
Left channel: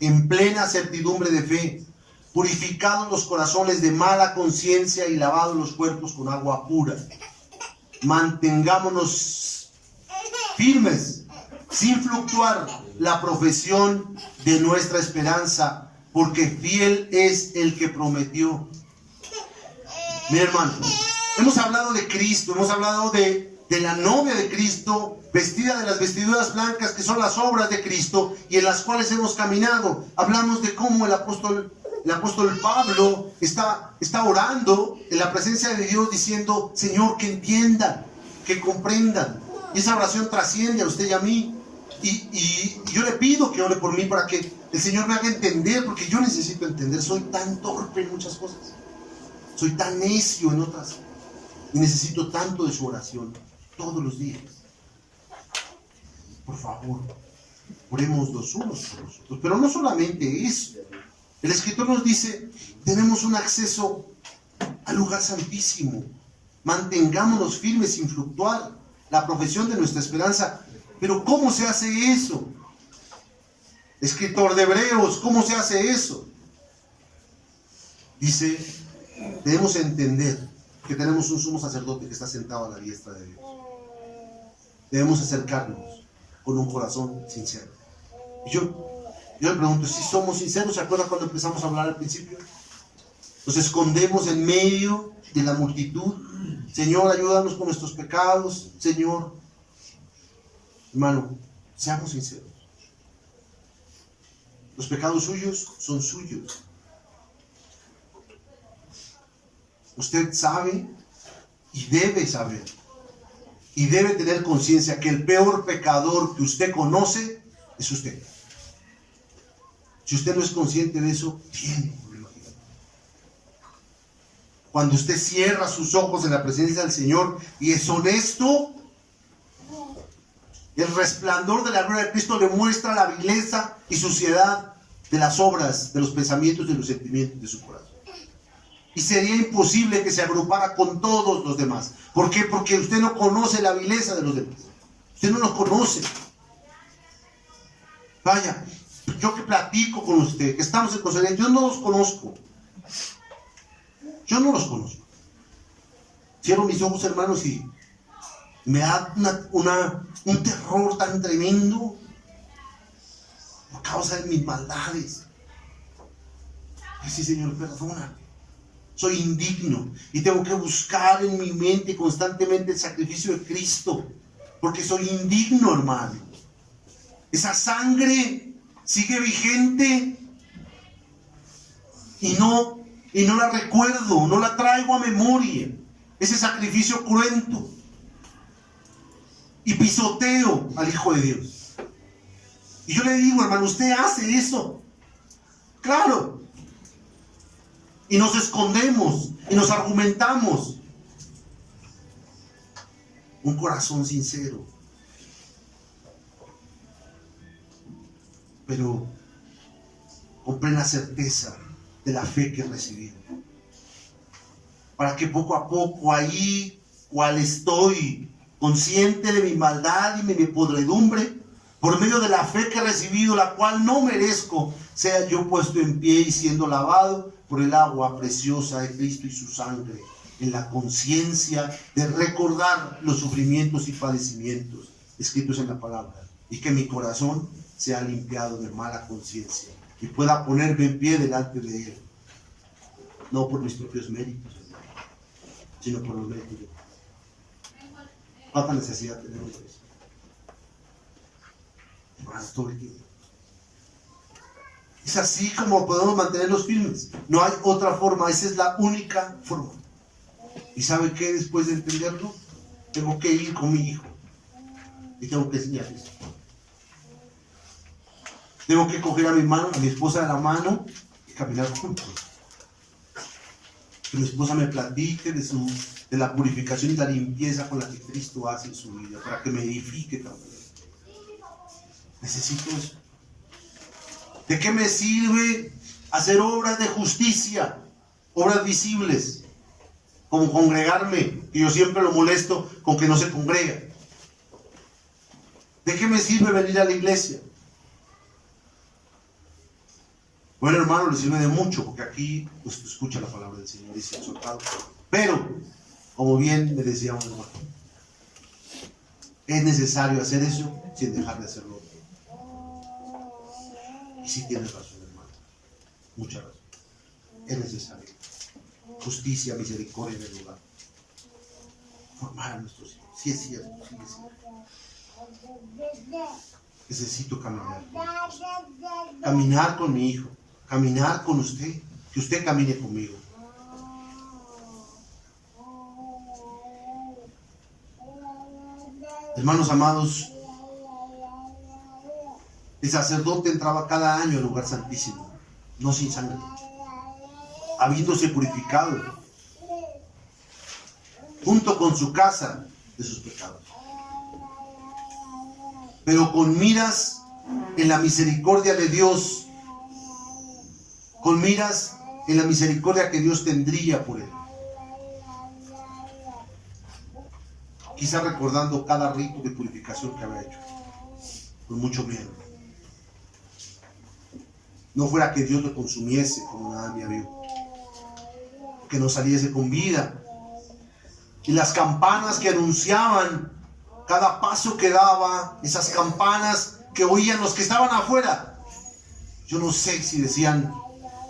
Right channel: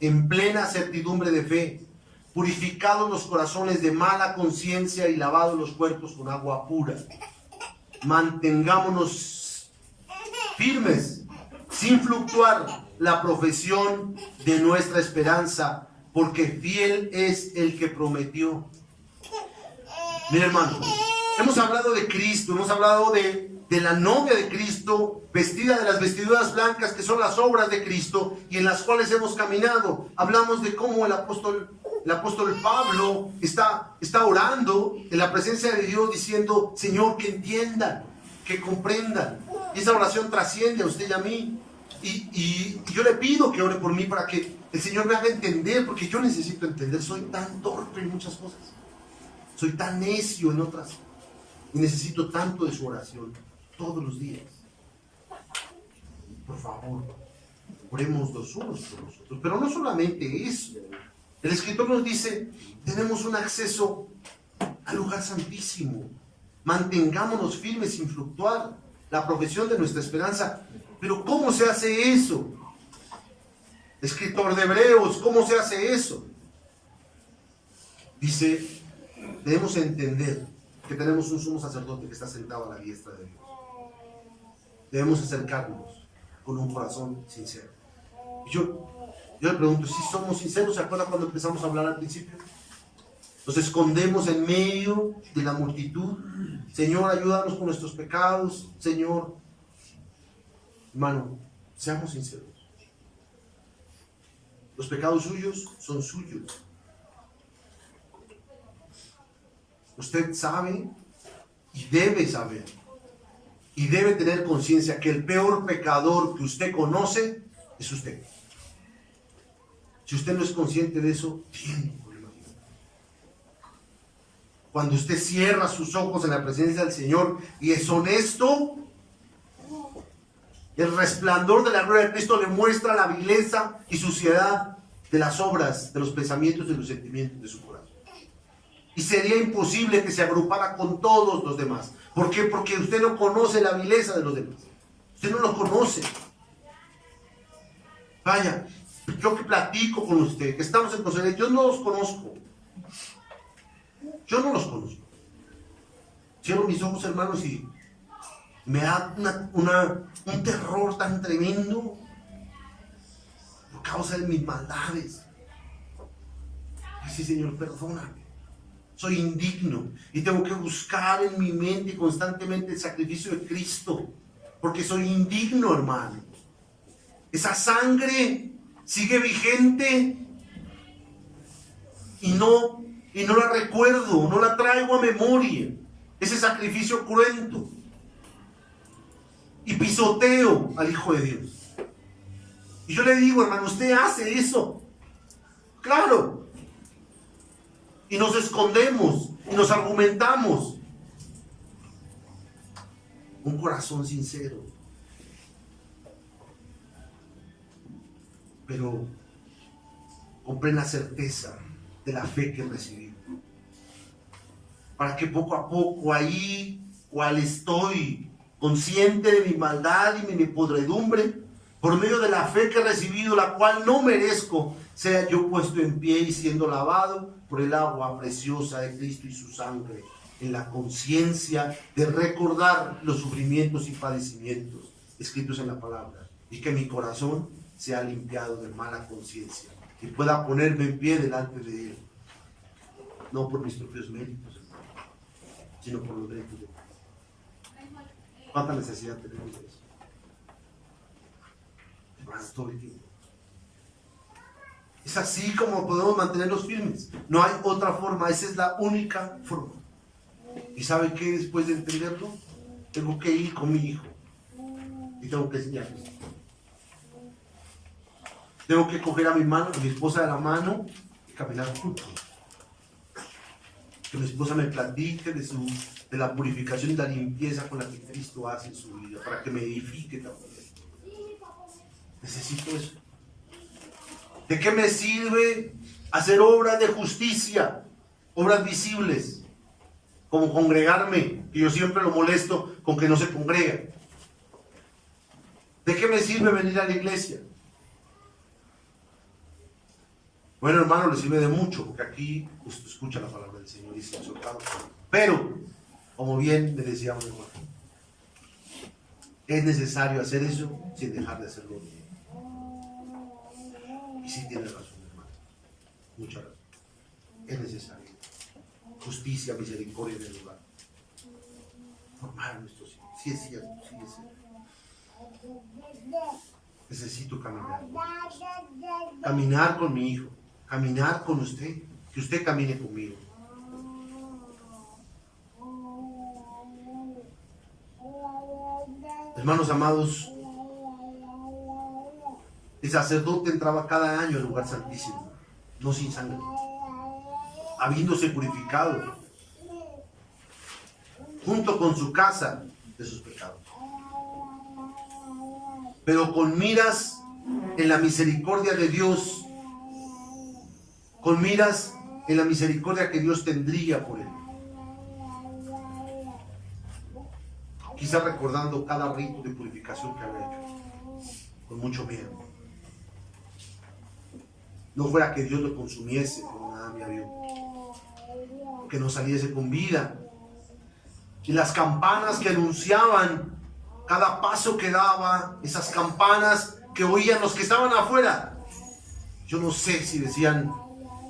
en plena certidumbre de fe, purificados los corazones de mala conciencia y lavados los cuerpos con agua pura. Mantengámonos firmes, sin fluctuar, la profesión de nuestra esperanza, porque fiel es el que prometió. Mi hermano, hemos hablado de Cristo, hemos hablado de la novia de Cristo, vestida de las vestiduras blancas que son las obras de Cristo y en las cuales hemos caminado. Hablamos de cómo el apóstol Pablo está orando en la presencia de Dios diciendo, Señor, que entiendan, que comprendan. Y esa oración trasciende a usted y a mí. Y yo le pido que ore por mí para que el Señor me haga entender, porque yo necesito entender. Soy tan torpe en muchas cosas, soy tan necio en otras, y necesito tanto de su oración todos los días. Por favor, oremos los unos por los otros. Pero no solamente eso. El escritor nos dice, tenemos un acceso al lugar santísimo. Mantengámonos firmes sin fluctuar, la profesión de nuestra esperanza. Pero ¿cómo se hace eso? Escritor de Hebreos, ¿cómo se hace eso? Dice, debemos entender que tenemos un sumo sacerdote que está sentado a la diestra de Dios. Debemos acercarnos con un corazón sincero. Yo le pregunto, si somos sinceros, ¿se acuerdan cuando empezamos a hablar al principio? Nos escondemos en medio de la multitud. Señor, ayúdanos con nuestros pecados. Señor, hermano, seamos sinceros. Los pecados suyos son suyos. Usted sabe y debe saber y debe tener conciencia que el peor pecador que usted conoce es usted. Si usted no es consciente de eso, tiene un problema. Cuando usted cierra sus ojos en la presencia del Señor y es honesto, el resplandor de la gloria de Cristo le muestra la vileza y suciedad de las obras, de los pensamientos y de los sentimientos de su corazón. Y sería imposible que se agrupara con todos los demás. ¿Por qué? Porque usted no conoce la vileza de los demás. Usted no los conoce. Vaya, yo que platico con usted, que estamos en consejería, yo no los conozco. Yo no los conozco. Cierro mis ojos, hermanos, y me da un terror tan tremendo por causa de mis maldades. Sí, Señor, perdóname. Soy indigno y tengo que buscar en mi mente constantemente el sacrificio de Cristo, porque soy indigno, hermano. Esa sangre sigue vigente y no la recuerdo, no la traigo a memoria. Ese sacrificio cruento y pisoteo al Hijo de Dios. Y yo le digo, hermano, ¿usted hace eso? Claro. y nos escondemos y nos argumentamos. Un corazón sincero, pero con plena certeza de la fe que he recibido, para que poco a poco ahí, cual estoy consciente de mi maldad y de mi podredumbre, por medio de la fe que he recibido, la cual no merezco, sea yo puesto en pie y siendo lavado por el agua preciosa de Cristo y su sangre, en la conciencia de recordar los sufrimientos y padecimientos escritos en la palabra, y que mi corazón sea limpiado de mala conciencia y pueda ponerme en pie delante de Él, no por mis propios méritos, sino por los méritos de Dios. ¿Cuánta necesidad tenemos de eso? Todo el tiempo. Es así como podemos mantenerlos firmes. No hay otra forma, esa es la única forma. ¿Y sabe qué? Después de entenderlo, tengo que ir con mi hijo y tengo que enseñarles. Tengo que coger a mi mano, a mi esposa de la mano y caminar juntos. Que mi esposa me platique de la purificación y la limpieza con la que Cristo hace en su vida, para que me edifique también. Necesito eso. ¿De qué me sirve hacer obras de justicia, obras visibles, como congregarme, que yo siempre lo molesto con que no se congrega? ¿De qué me sirve venir a la iglesia? Bueno, hermano, le sirve de mucho, porque aquí usted escucha la palabra del Señor y se ha exhortado. Pero, como bien me decía un hermano, es necesario hacer eso sin dejar de hacerlo. Y sí tiene razón, hermano, mucha razón. Es necesario justicia, misericordia en el lugar. Formar a nuestros hijos. Sí es cierto, sí es cierto. Necesito caminar. Caminar con mi hijo. Caminar con usted. Que usted camine conmigo. Hermanos amados, el sacerdote entraba cada año al lugar santísimo, no sin sangre, habiéndose purificado junto con su casa de sus pecados, pero con miras en la misericordia de Dios, con miras en la misericordia que Dios tendría por él, quizá recordando cada rito de purificación que había hecho, con mucho miedo. No fuera que Dios lo consumiese como nadie vio, que no saliese con vida. Y las campanas que anunciaban cada paso que daba, esas campanas que oían los que estaban afuera, yo no sé si decían,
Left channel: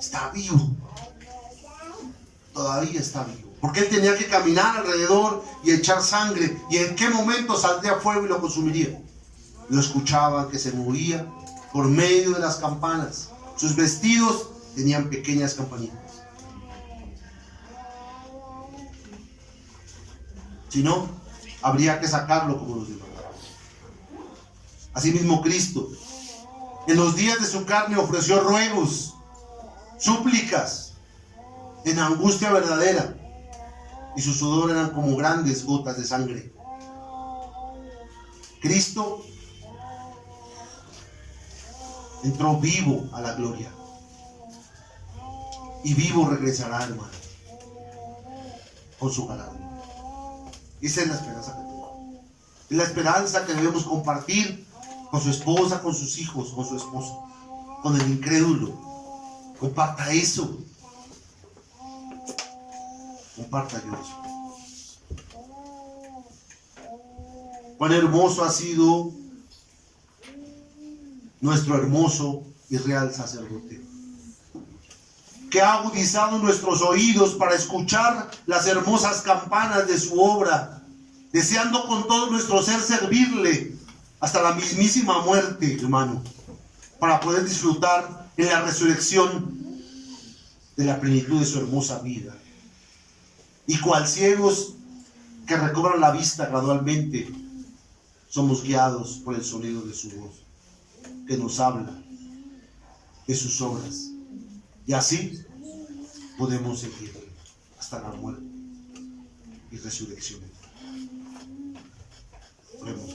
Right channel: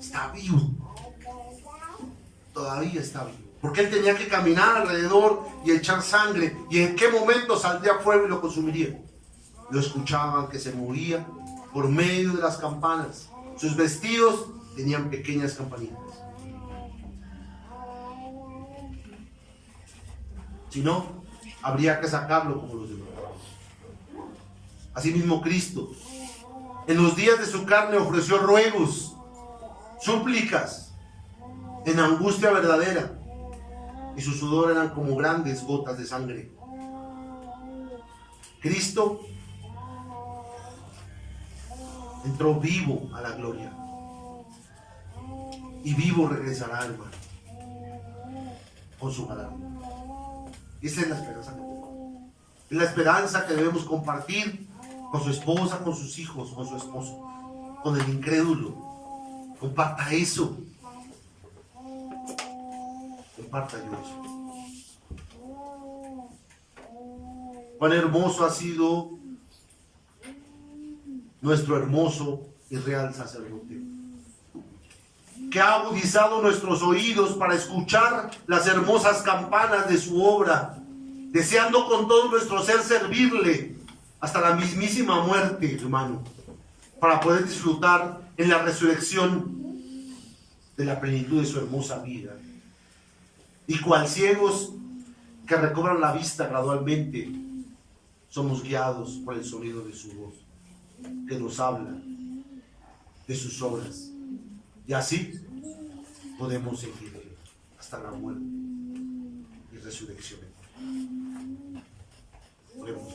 está vivo, todavía está vivo, porque él tenía que caminar alrededor y echar sangre, y en qué momento saldría fuego y lo consumiría. Lo escuchaban que se moría por medio de las campanas. Sus vestidos tenían pequeñas campanitas. Si no, habría que sacarlo como los demás. Asimismo, Cristo, en los días de su carne, ofreció ruegos, súplicas, en angustia verdadera, y su sudor eran como grandes gotas de sangre. Cristo entró vivo a la gloria, y vivo regresará, hermano, con su galardón. Esa es la esperanza que tenemos. Es la esperanza que debemos compartir con su esposa, con sus hijos, con su esposo, con el incrédulo. Comparta eso. Comparta yo eso. Cuán hermoso ha sido nuestro hermoso y real sacerdote, que ha agudizado nuestros oídos para escuchar las hermosas campanas de su obra, deseando con todo nuestro ser servirle hasta la mismísima muerte, hermano, para poder disfrutar en la resurrección de la plenitud de su hermosa vida. Y cual ciegos que recobran la vista gradualmente, somos guiados por el sonido de su voz, que nos habla de sus obras. Y así, podemos seguir hasta la muerte y resurrección. Oremos.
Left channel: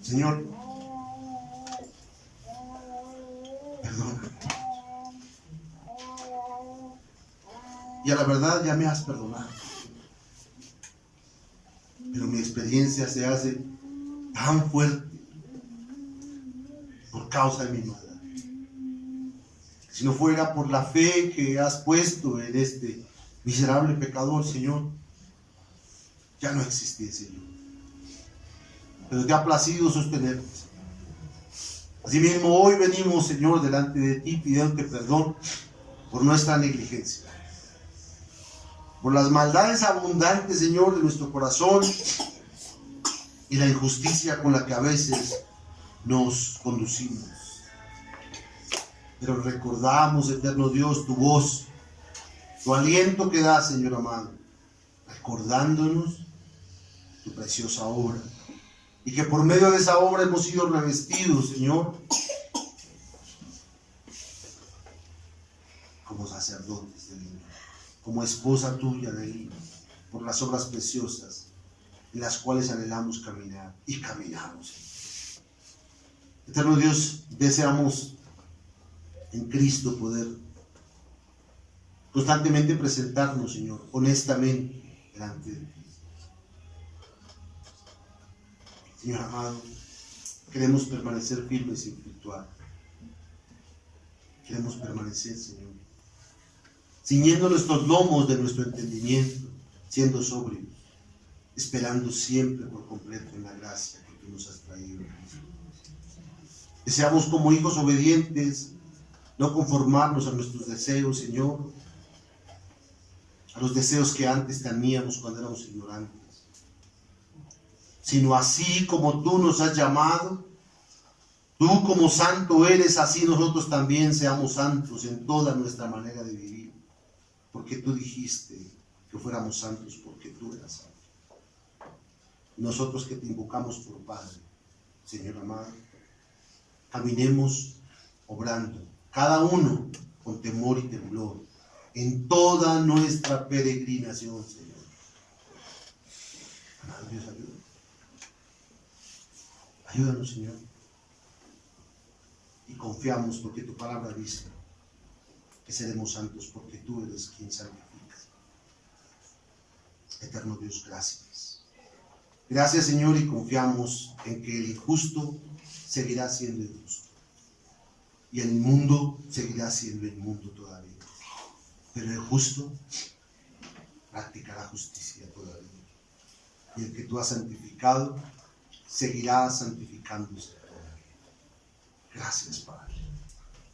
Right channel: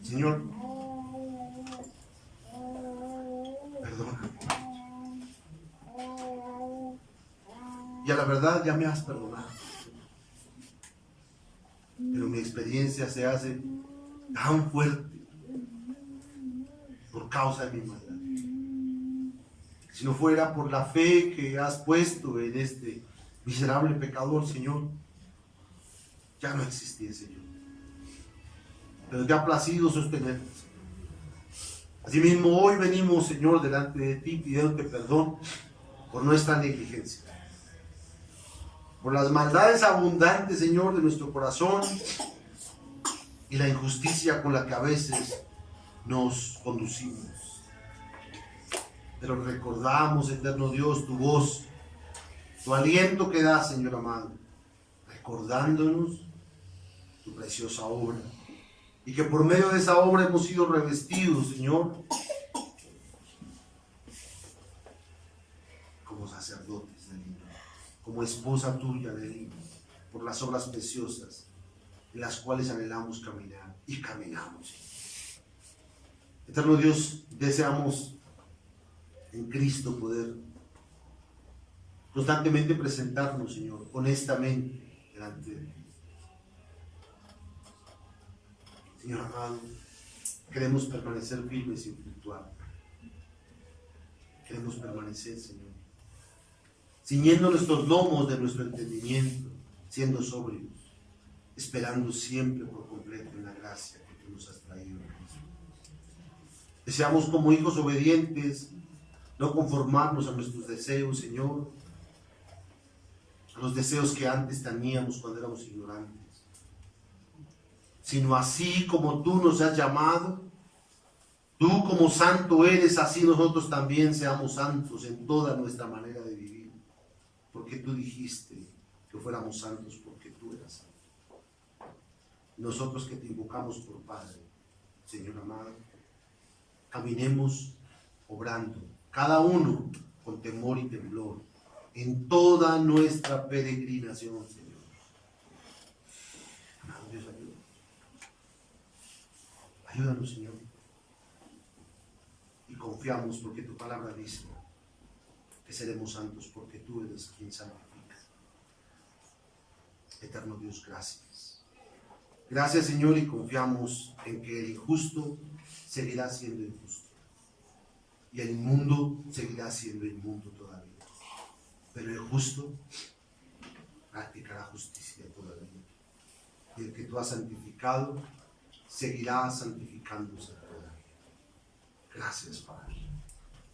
Señor, perdona. Y a la verdad ya me has perdonado. Pero mi experiencia se hace tan fuerte por causa de mi maldad. Si no fuera por la fe que has puesto en este miserable pecador, Señor, ya no existiese yo. Pero te ha placido sostenernos. Asimismo, hoy venimos, Señor, delante de ti pidiéndote perdón por nuestra negligencia, por las maldades abundantes, Señor, de nuestro corazón y la injusticia con la que a veces nos conducimos. Pero recordamos, eterno Dios, tu voz, tu aliento que da, Señor amado, recordándonos tu preciosa obra, y que por medio de esa obra hemos sido revestidos, Señor, como sacerdotes del himno, como esposa tuya del himno, por las obras preciosas en las cuales anhelamos caminar y caminamos. Eterno Dios, deseamos en Cristo poder constantemente presentarnos, Señor, honestamente delante de ti. Señor amado, queremos permanecer firmes sin fluctuar. Queremos permanecer, Señor, ciñendo nuestros lomos de nuestro entendimiento, siendo sobrios, esperando siempre por completo en la gracia que tú nos has traído en Cristo. Deseamos como hijos obedientes no conformarnos a nuestros deseos, Señor, a los deseos que antes teníamos cuando éramos ignorantes, sino así como tú nos has llamado, tú como santo eres, así nosotros también seamos santos en toda nuestra manera de vivir, porque tú dijiste que fuéramos santos porque tú eras santo. Nosotros que te invocamos por Padre, Señor amado, caminemos obrando, cada uno con temor y temblor, en toda nuestra peregrinación, Señor. Amado Dios, ayúdanos. Ayúdanos, Señor. Y confiamos porque tu palabra dice que seremos santos porque tú eres quien santifica. Eterno Dios, gracias. Gracias, Señor, y confiamos en que el injusto seguirá siendo injusto. Y el inmundo seguirá siendo inmundo todavía. Pero el justo practicará justicia todavía. Y el que tú has santificado seguirá santificándose todavía. Gracias, Padre,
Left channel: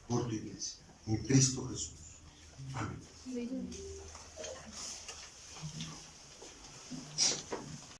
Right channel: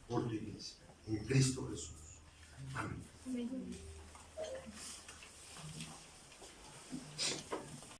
por tu iglesia. En Cristo Jesús. Amén.